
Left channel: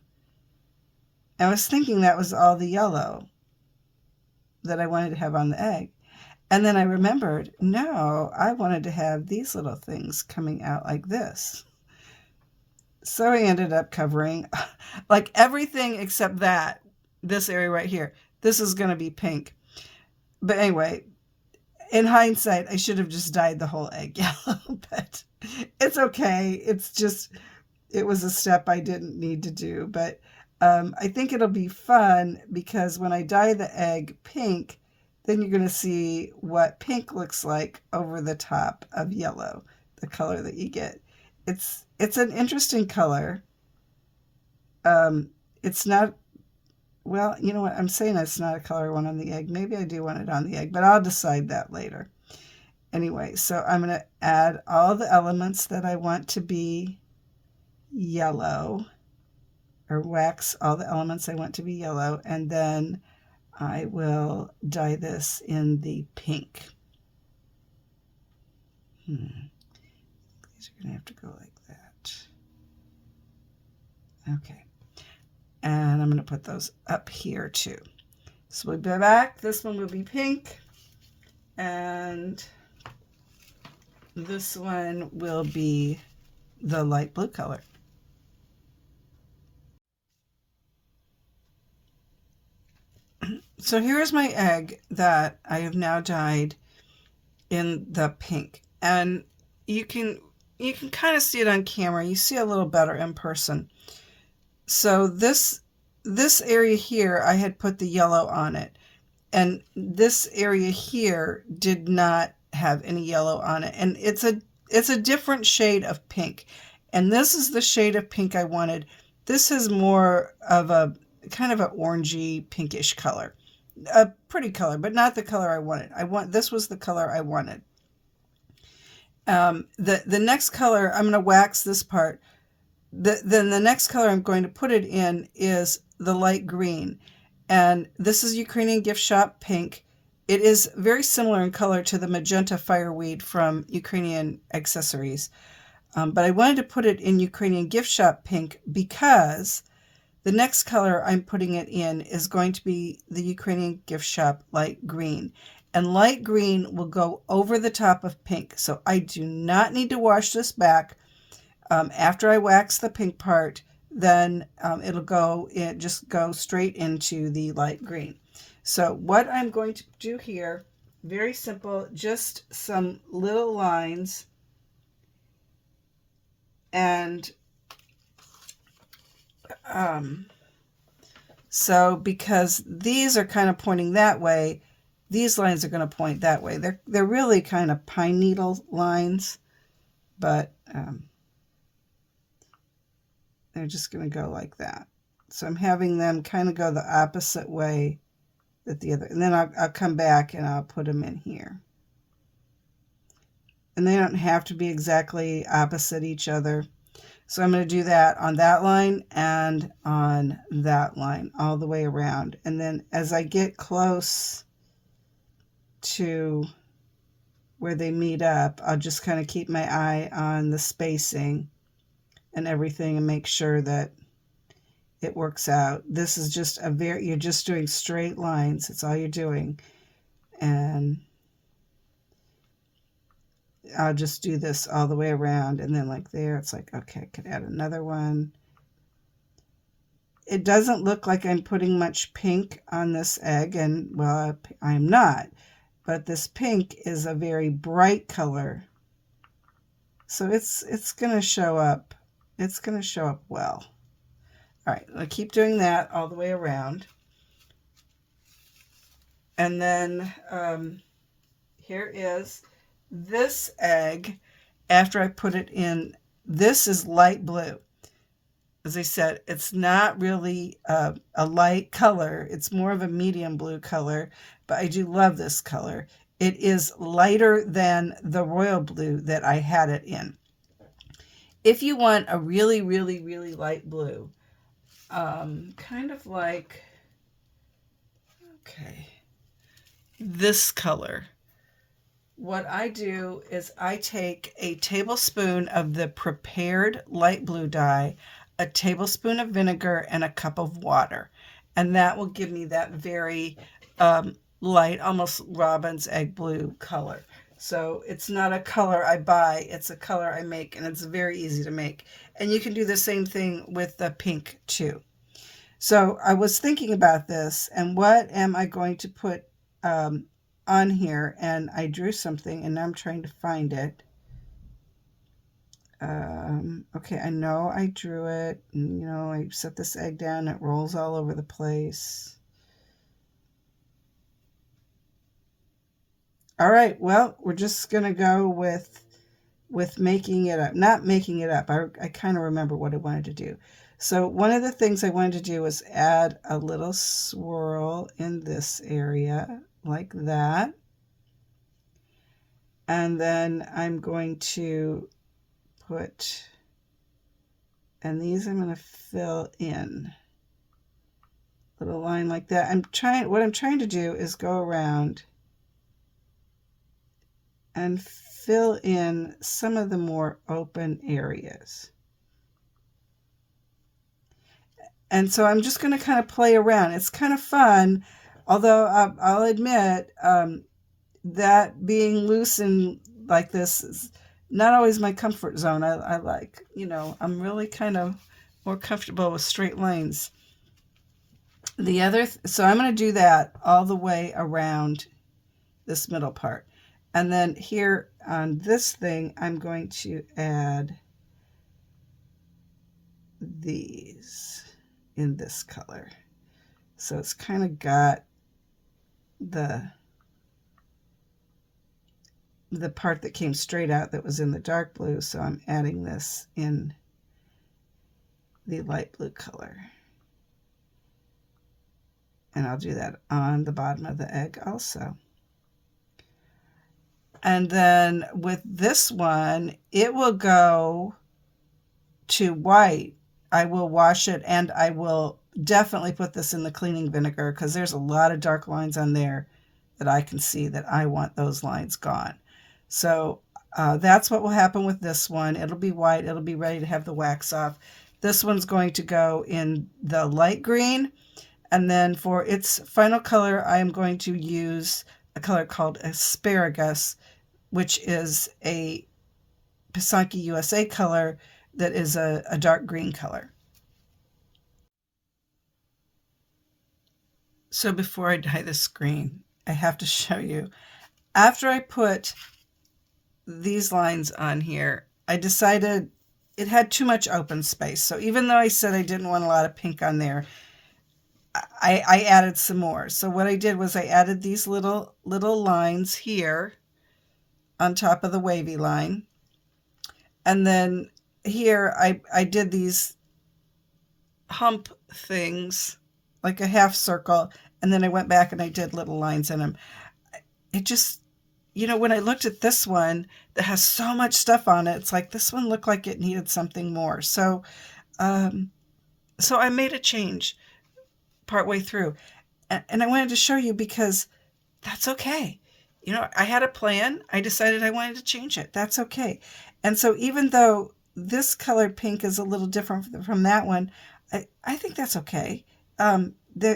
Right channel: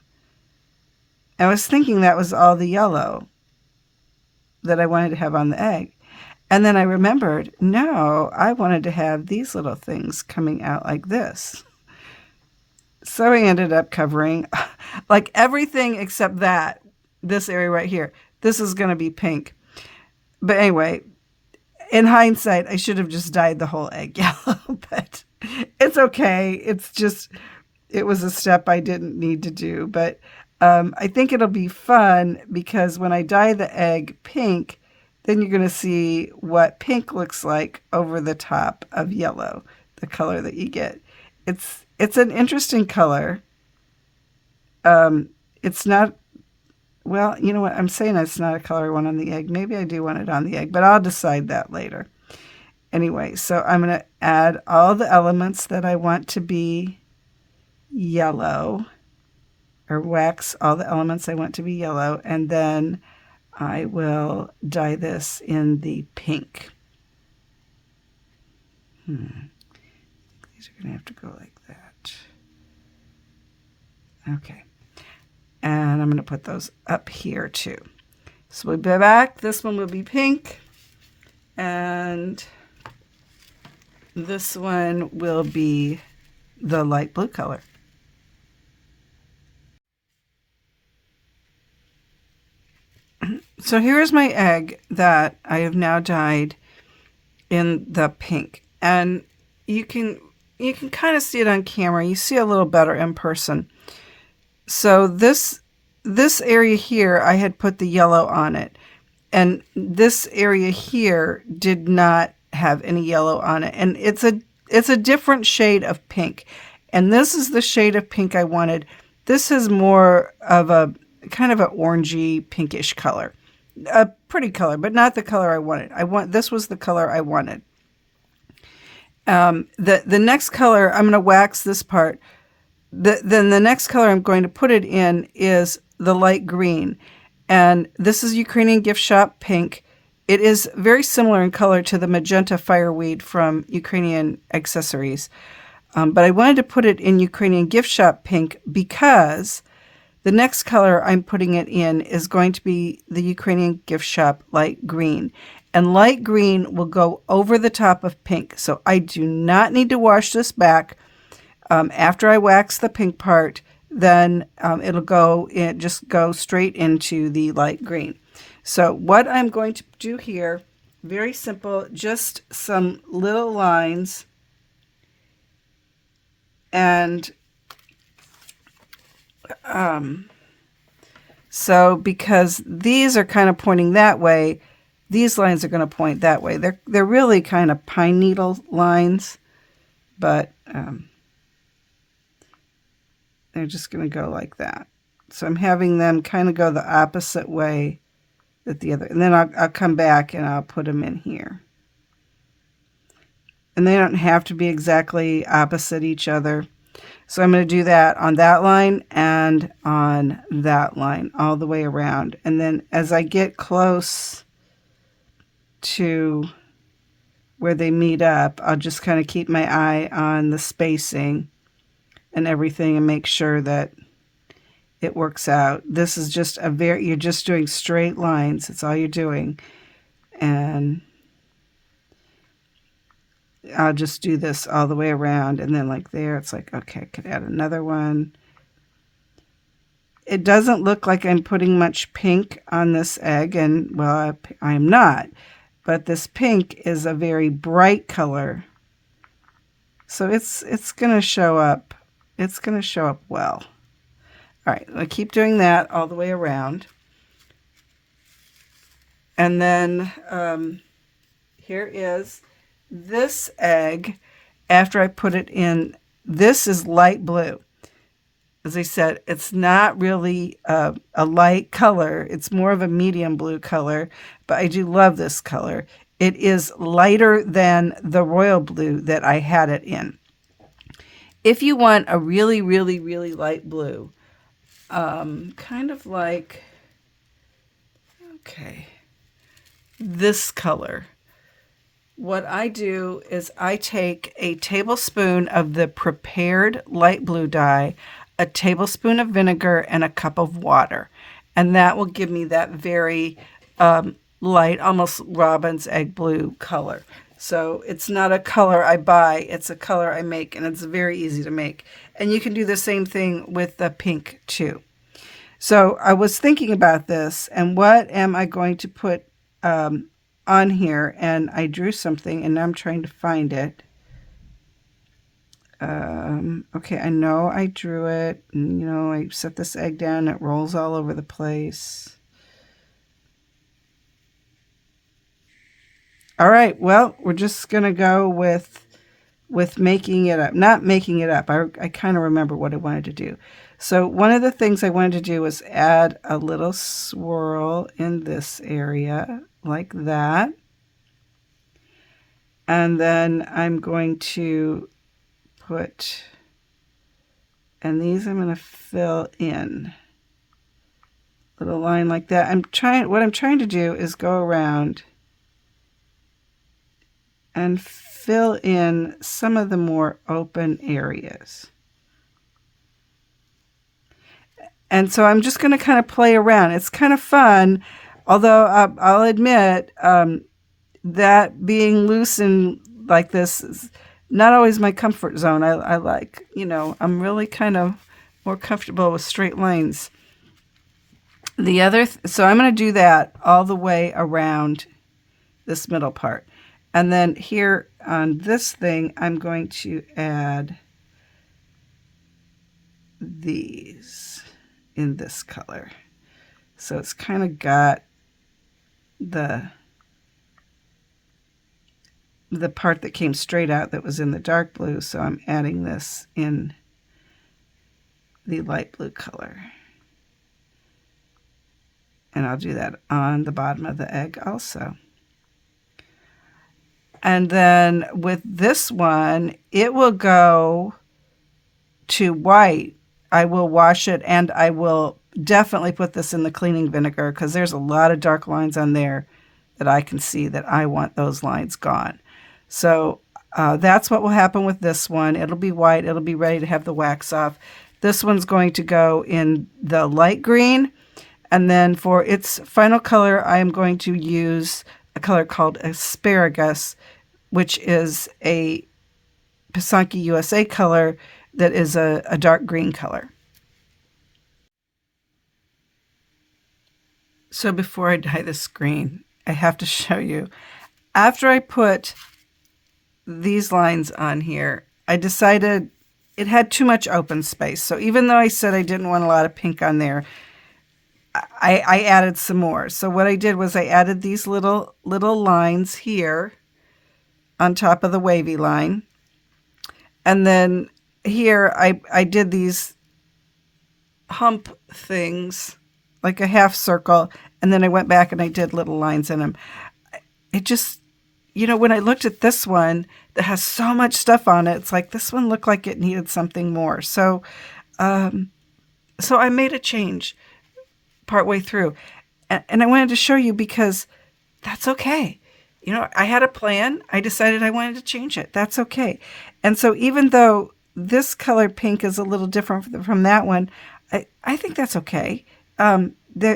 I was thinking that was all the yellow that I wanted to have on the egg. And then I remembered, no, I wanted to have these little things coming out like this. So I ended up covering like everything except this area right here. This is going to be pink. But anyway, in hindsight, I should have just dyed the whole egg yellow, but it's okay. It was a step I didn't need to do. But I think it'll be fun because when I dye the egg pink, then you're going to see what pink looks like over the top of yellow, the color that you get. It's an interesting color. It's not, well, you know what? I'm saying it's not a color I want on the egg. Maybe I do want it on the egg, but I'll decide that later. Anyway, so I'm going to add all the elements that I want to be yellow or wax all the elements I want to be yellow, and then I will dye this in the pink. These are going to have to go like that. Okay. And I'm going to put those up here too. So we'll be back. This one will be pink. And this one will be the light blue color. So here's my egg that I have now dyed in the pink. And you can kind of see it on camera. You see a little better in person. So this area here, I had put the yellow on it. And this area here did not have any yellow on it. And it's a different shade of pink. And this is the shade of pink I wanted. This is more of a kind of an orangey pinkish color. A pretty color, but not the color I wanted. This was the color I wanted. The next color, I'm going to wax this part. Then the next color I'm going to put it in is the light green. And this is Ukrainian Gift Shop pink. It is very similar in color to the magenta fireweed from Ukrainian Accessories. But I wanted to put it in Ukrainian Gift Shop pink because the next color I'm putting it in is going to be the Ukrainian Gift Shop light green. And light green will go over the top of pink. So I do not need to wash this back. After I wax the pink part, then it'll just go straight into the light green. So what I'm going to do here, very simple, just some little lines. And so because these are kind of pointing that way, these lines are going to point that way. They're really kind of pine needle lines, but they're just going to go like that. So I'm having them kind of go the opposite way that the other, and then I'll come back and I'll put them in here. And they don't have to be exactly opposite each other. So I'm going to do that on that line and on that line all the way around. And then as I get close to where they meet up, I'll just kind of keep my eye on the spacing and everything and make sure that it works out. This is just you're just doing straight lines. That's all you're doing. And I'll just do this all the way around, and then like there, it's like, okay, I could add another one. It doesn't look like I'm putting much pink on this egg, and well, I'm not, but this pink is a very bright color. So it's going to show up. It's going to show up well. All right, I keep doing that all the way around. And then here is this egg after I put it in. This is light blue. As I said, it's not really a light color. It's more of a medium blue color, but I do love this color. It is lighter than the royal blue that I had it in. If you want a really, really, really light blue, kind of like, okay, this color, what I do is I take a tablespoon of the prepared light blue dye, a tablespoon of vinegar, and a cup of water. And that will give me that very light, almost robin's egg blue color. So it's not a color I buy, it's a color I make, and it's very easy to make. And you can do the same thing with the pink too. So I was thinking about this, and what am I going to put on here? And I drew something, and now I'm trying to find it. Okay, I know I drew it, and I set this egg down, it rolls all over the place. All right, well, we're just going to go with making it up. Not making it up. I kind of remember what I wanted to do. So one of the things I wanted to do was add a little swirl in this area, like that. And then I'm going to put And these I'm going to fill in. Little line like that. What I'm trying to do is go around and fill in some of the more open areas. And so I'm just going to kind of play around. It's kind of fun, although I'll admit that being loose and like this is not always my comfort zone. I like, I'm really kind of more comfortable with straight lines. So I'm going to do that all the way around this middle part. And then here on this thing, I'm going to add these in this color. So it's kind of got the part that came straight out that was in the dark blue. So I'm adding this in the light blue color. And I'll do that on the bottom of the egg also. And then with this one, it will go to white. I will wash it, and I will definitely put this in the cleaning vinegar because there's a lot of dark lines on there that I can see that I want those lines gone. So that's what will happen with this one. It'll be white. It'll be ready to have the wax off. This one's going to go in the light green. And then for its final color, I am going to use a color called Asparagus, which is a Pysanky USA color that is a dark green color. So before I dye the screen, I have to show you. After I put these lines on here, I decided it had too much open space. So even though I said I didn't want a lot of pink on there, I added some more. So what I did was I added these little lines here on top of the wavy line. And then here I did these hump things, like a half circle, and then I went back and I did little lines in them. It just, when I looked at this one that has so much stuff on it, it's like this one looked like it needed something more. So I made a change partway through. And I wanted to show you because that's okay. I had a plan. I decided I wanted to change it. That's okay. And so even though this color pink is a little different from that one, I think that's okay. They're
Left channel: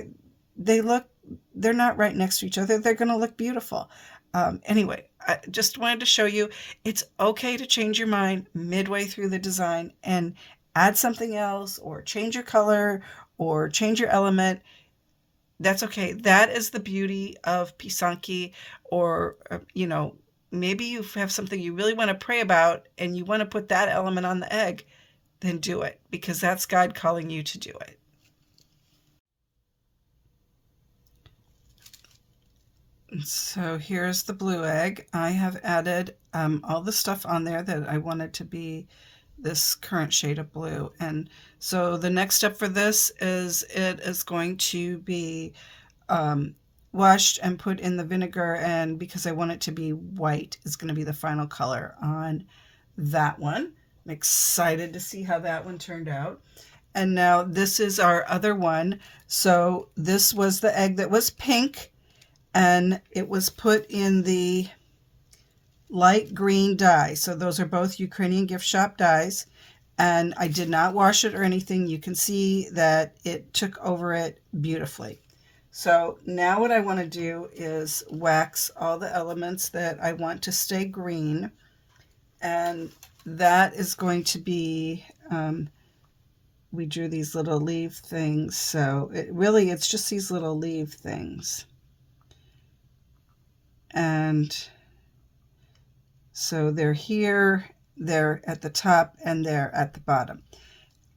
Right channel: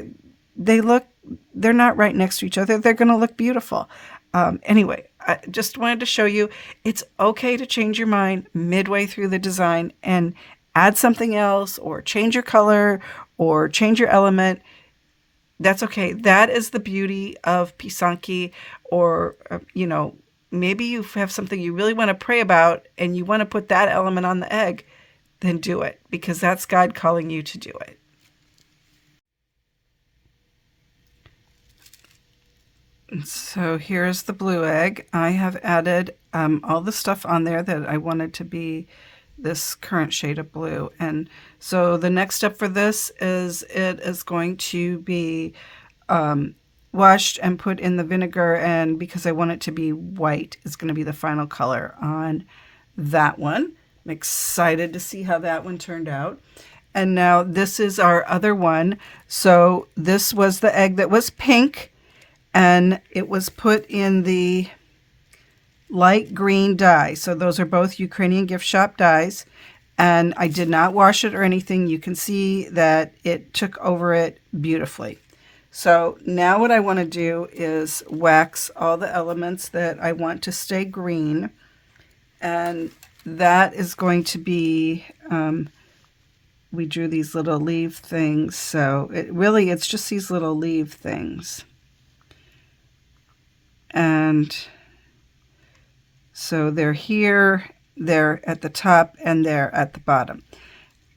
not right next to each other. They're going to look beautiful. Anyway, I just wanted to show you it's okay to change your mind midway through the design and add something else or change your color or change your element. That's okay. That is the beauty of Pysanky, or, maybe you have something you really want to pray about and you want to put that element on the egg, then do it, because that's God calling you to do it. So here's the blue egg. I have added all the stuff on there that I wanted to be this current shade of blue. And so the next step for this is it is going to be washed and put in the vinegar, and because I want it to be white, it's going to be the final color on that one. I'm excited to see how that one turned out. And now this is our other one. So this was the egg that was pink, and it was put in the light green dye. So those are both Ukrainian gift shop dyes, and I did not wash it or anything. You can see that it took over it beautifully. So now what I want to do is wax all the elements that I want to stay green, and that is going to be, we drew these little leaf things, so it's just these little leaf things. And so they're here, they're at the top, and they're at the bottom.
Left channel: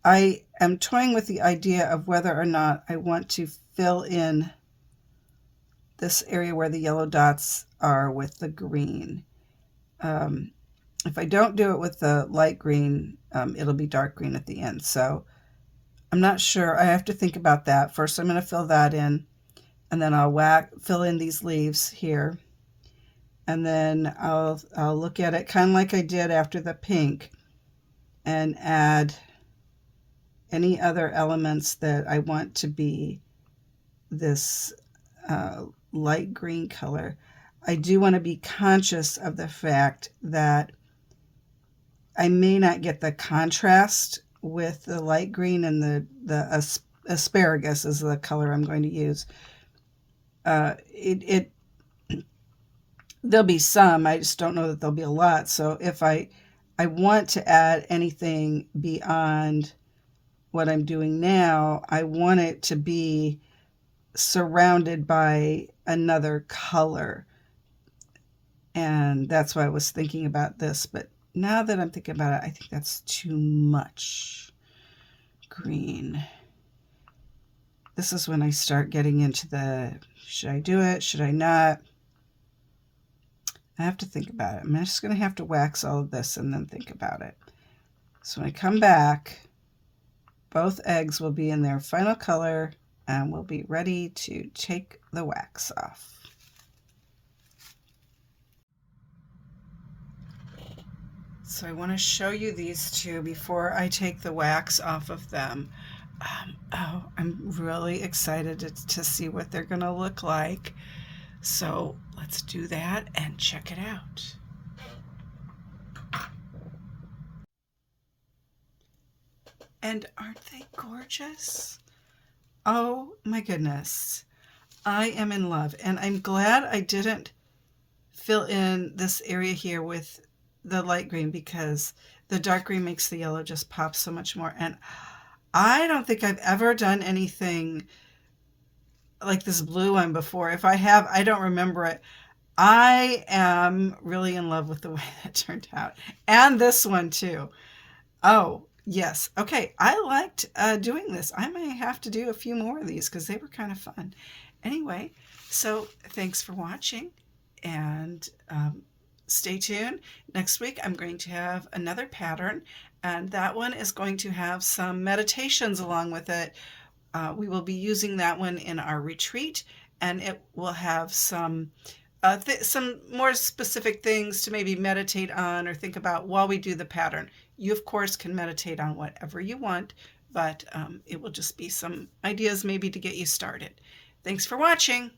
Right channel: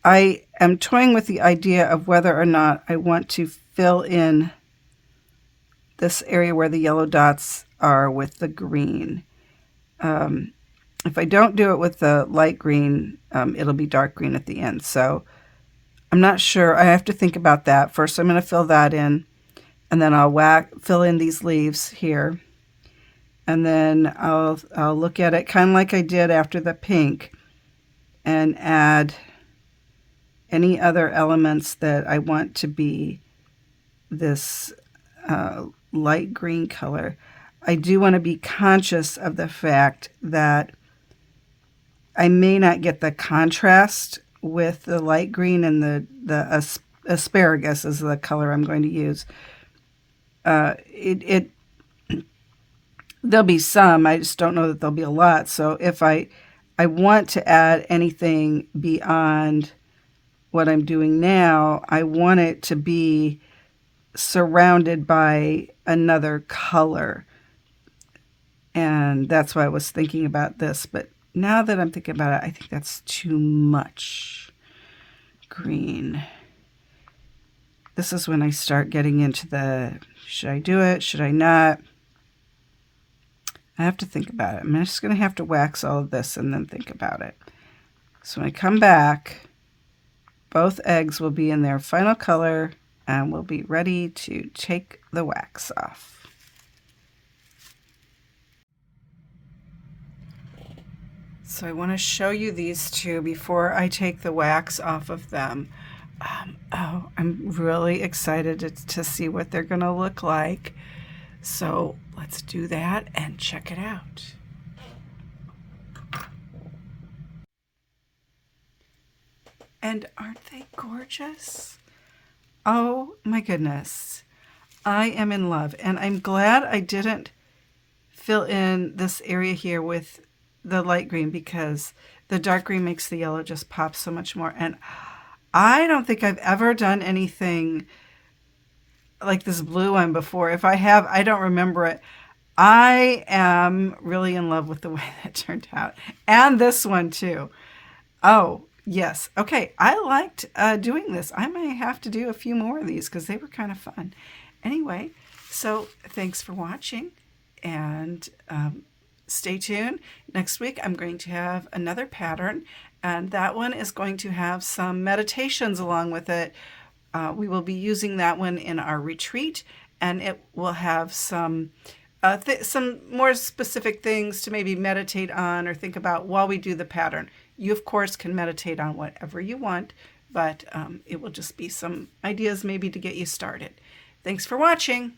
I am toying with the idea of whether or not I want to fill in this area where the yellow dots are with the green. If I don't do it with the light green, it'll be dark green at the end. So I'm not sure. I have to think about that. First, I'm going to fill that in, and then I'll fill in these leaves here. And then I'll look at it kind of like I did after the pink and add any other elements that I want to be this light green color, I do want to be conscious of the fact that I may not get the contrast with the light green, and the asparagus is the color I'm going to use. There'll be some, I just don't know that there'll be a lot. So if I want to add anything beyond what I'm doing now, I want it to be surrounded by another color. And that's why I was thinking about this. But now that I'm thinking about it, I think that's too much green. This is when I start getting into the, should I do it? Should I not? I have to think about it. I'm just going to have to wax all of this and then think about it. So when I come back, both eggs will be in their final color and we'll be ready to take the wax off. So I want to show you these two before I take the wax off of them. I'm really excited to see what they're going to look like. So let's do that and check it out. And aren't they gorgeous? Oh my goodness. I am in love, and I'm glad I didn't fill in this area here with the light green, because the dark green makes the yellow just pop so much more. And I don't think I've ever done anything like this blue one before. If I have, I don't remember it. I am really in love with the way that turned out. And this one too. Oh, yes. Okay, I liked doing this. I may have to do a few more of these because they were kind of fun. Anyway, so thanks for watching, and stay tuned. Next week I'm going to have another pattern, and that one is going to have some meditations along with it. We will be using that one in our retreat, and it will have some more specific things to maybe meditate on or think about while we do the pattern. You, of course, can meditate on whatever you want, but it will just be some ideas maybe to get you started. Thanks for watching.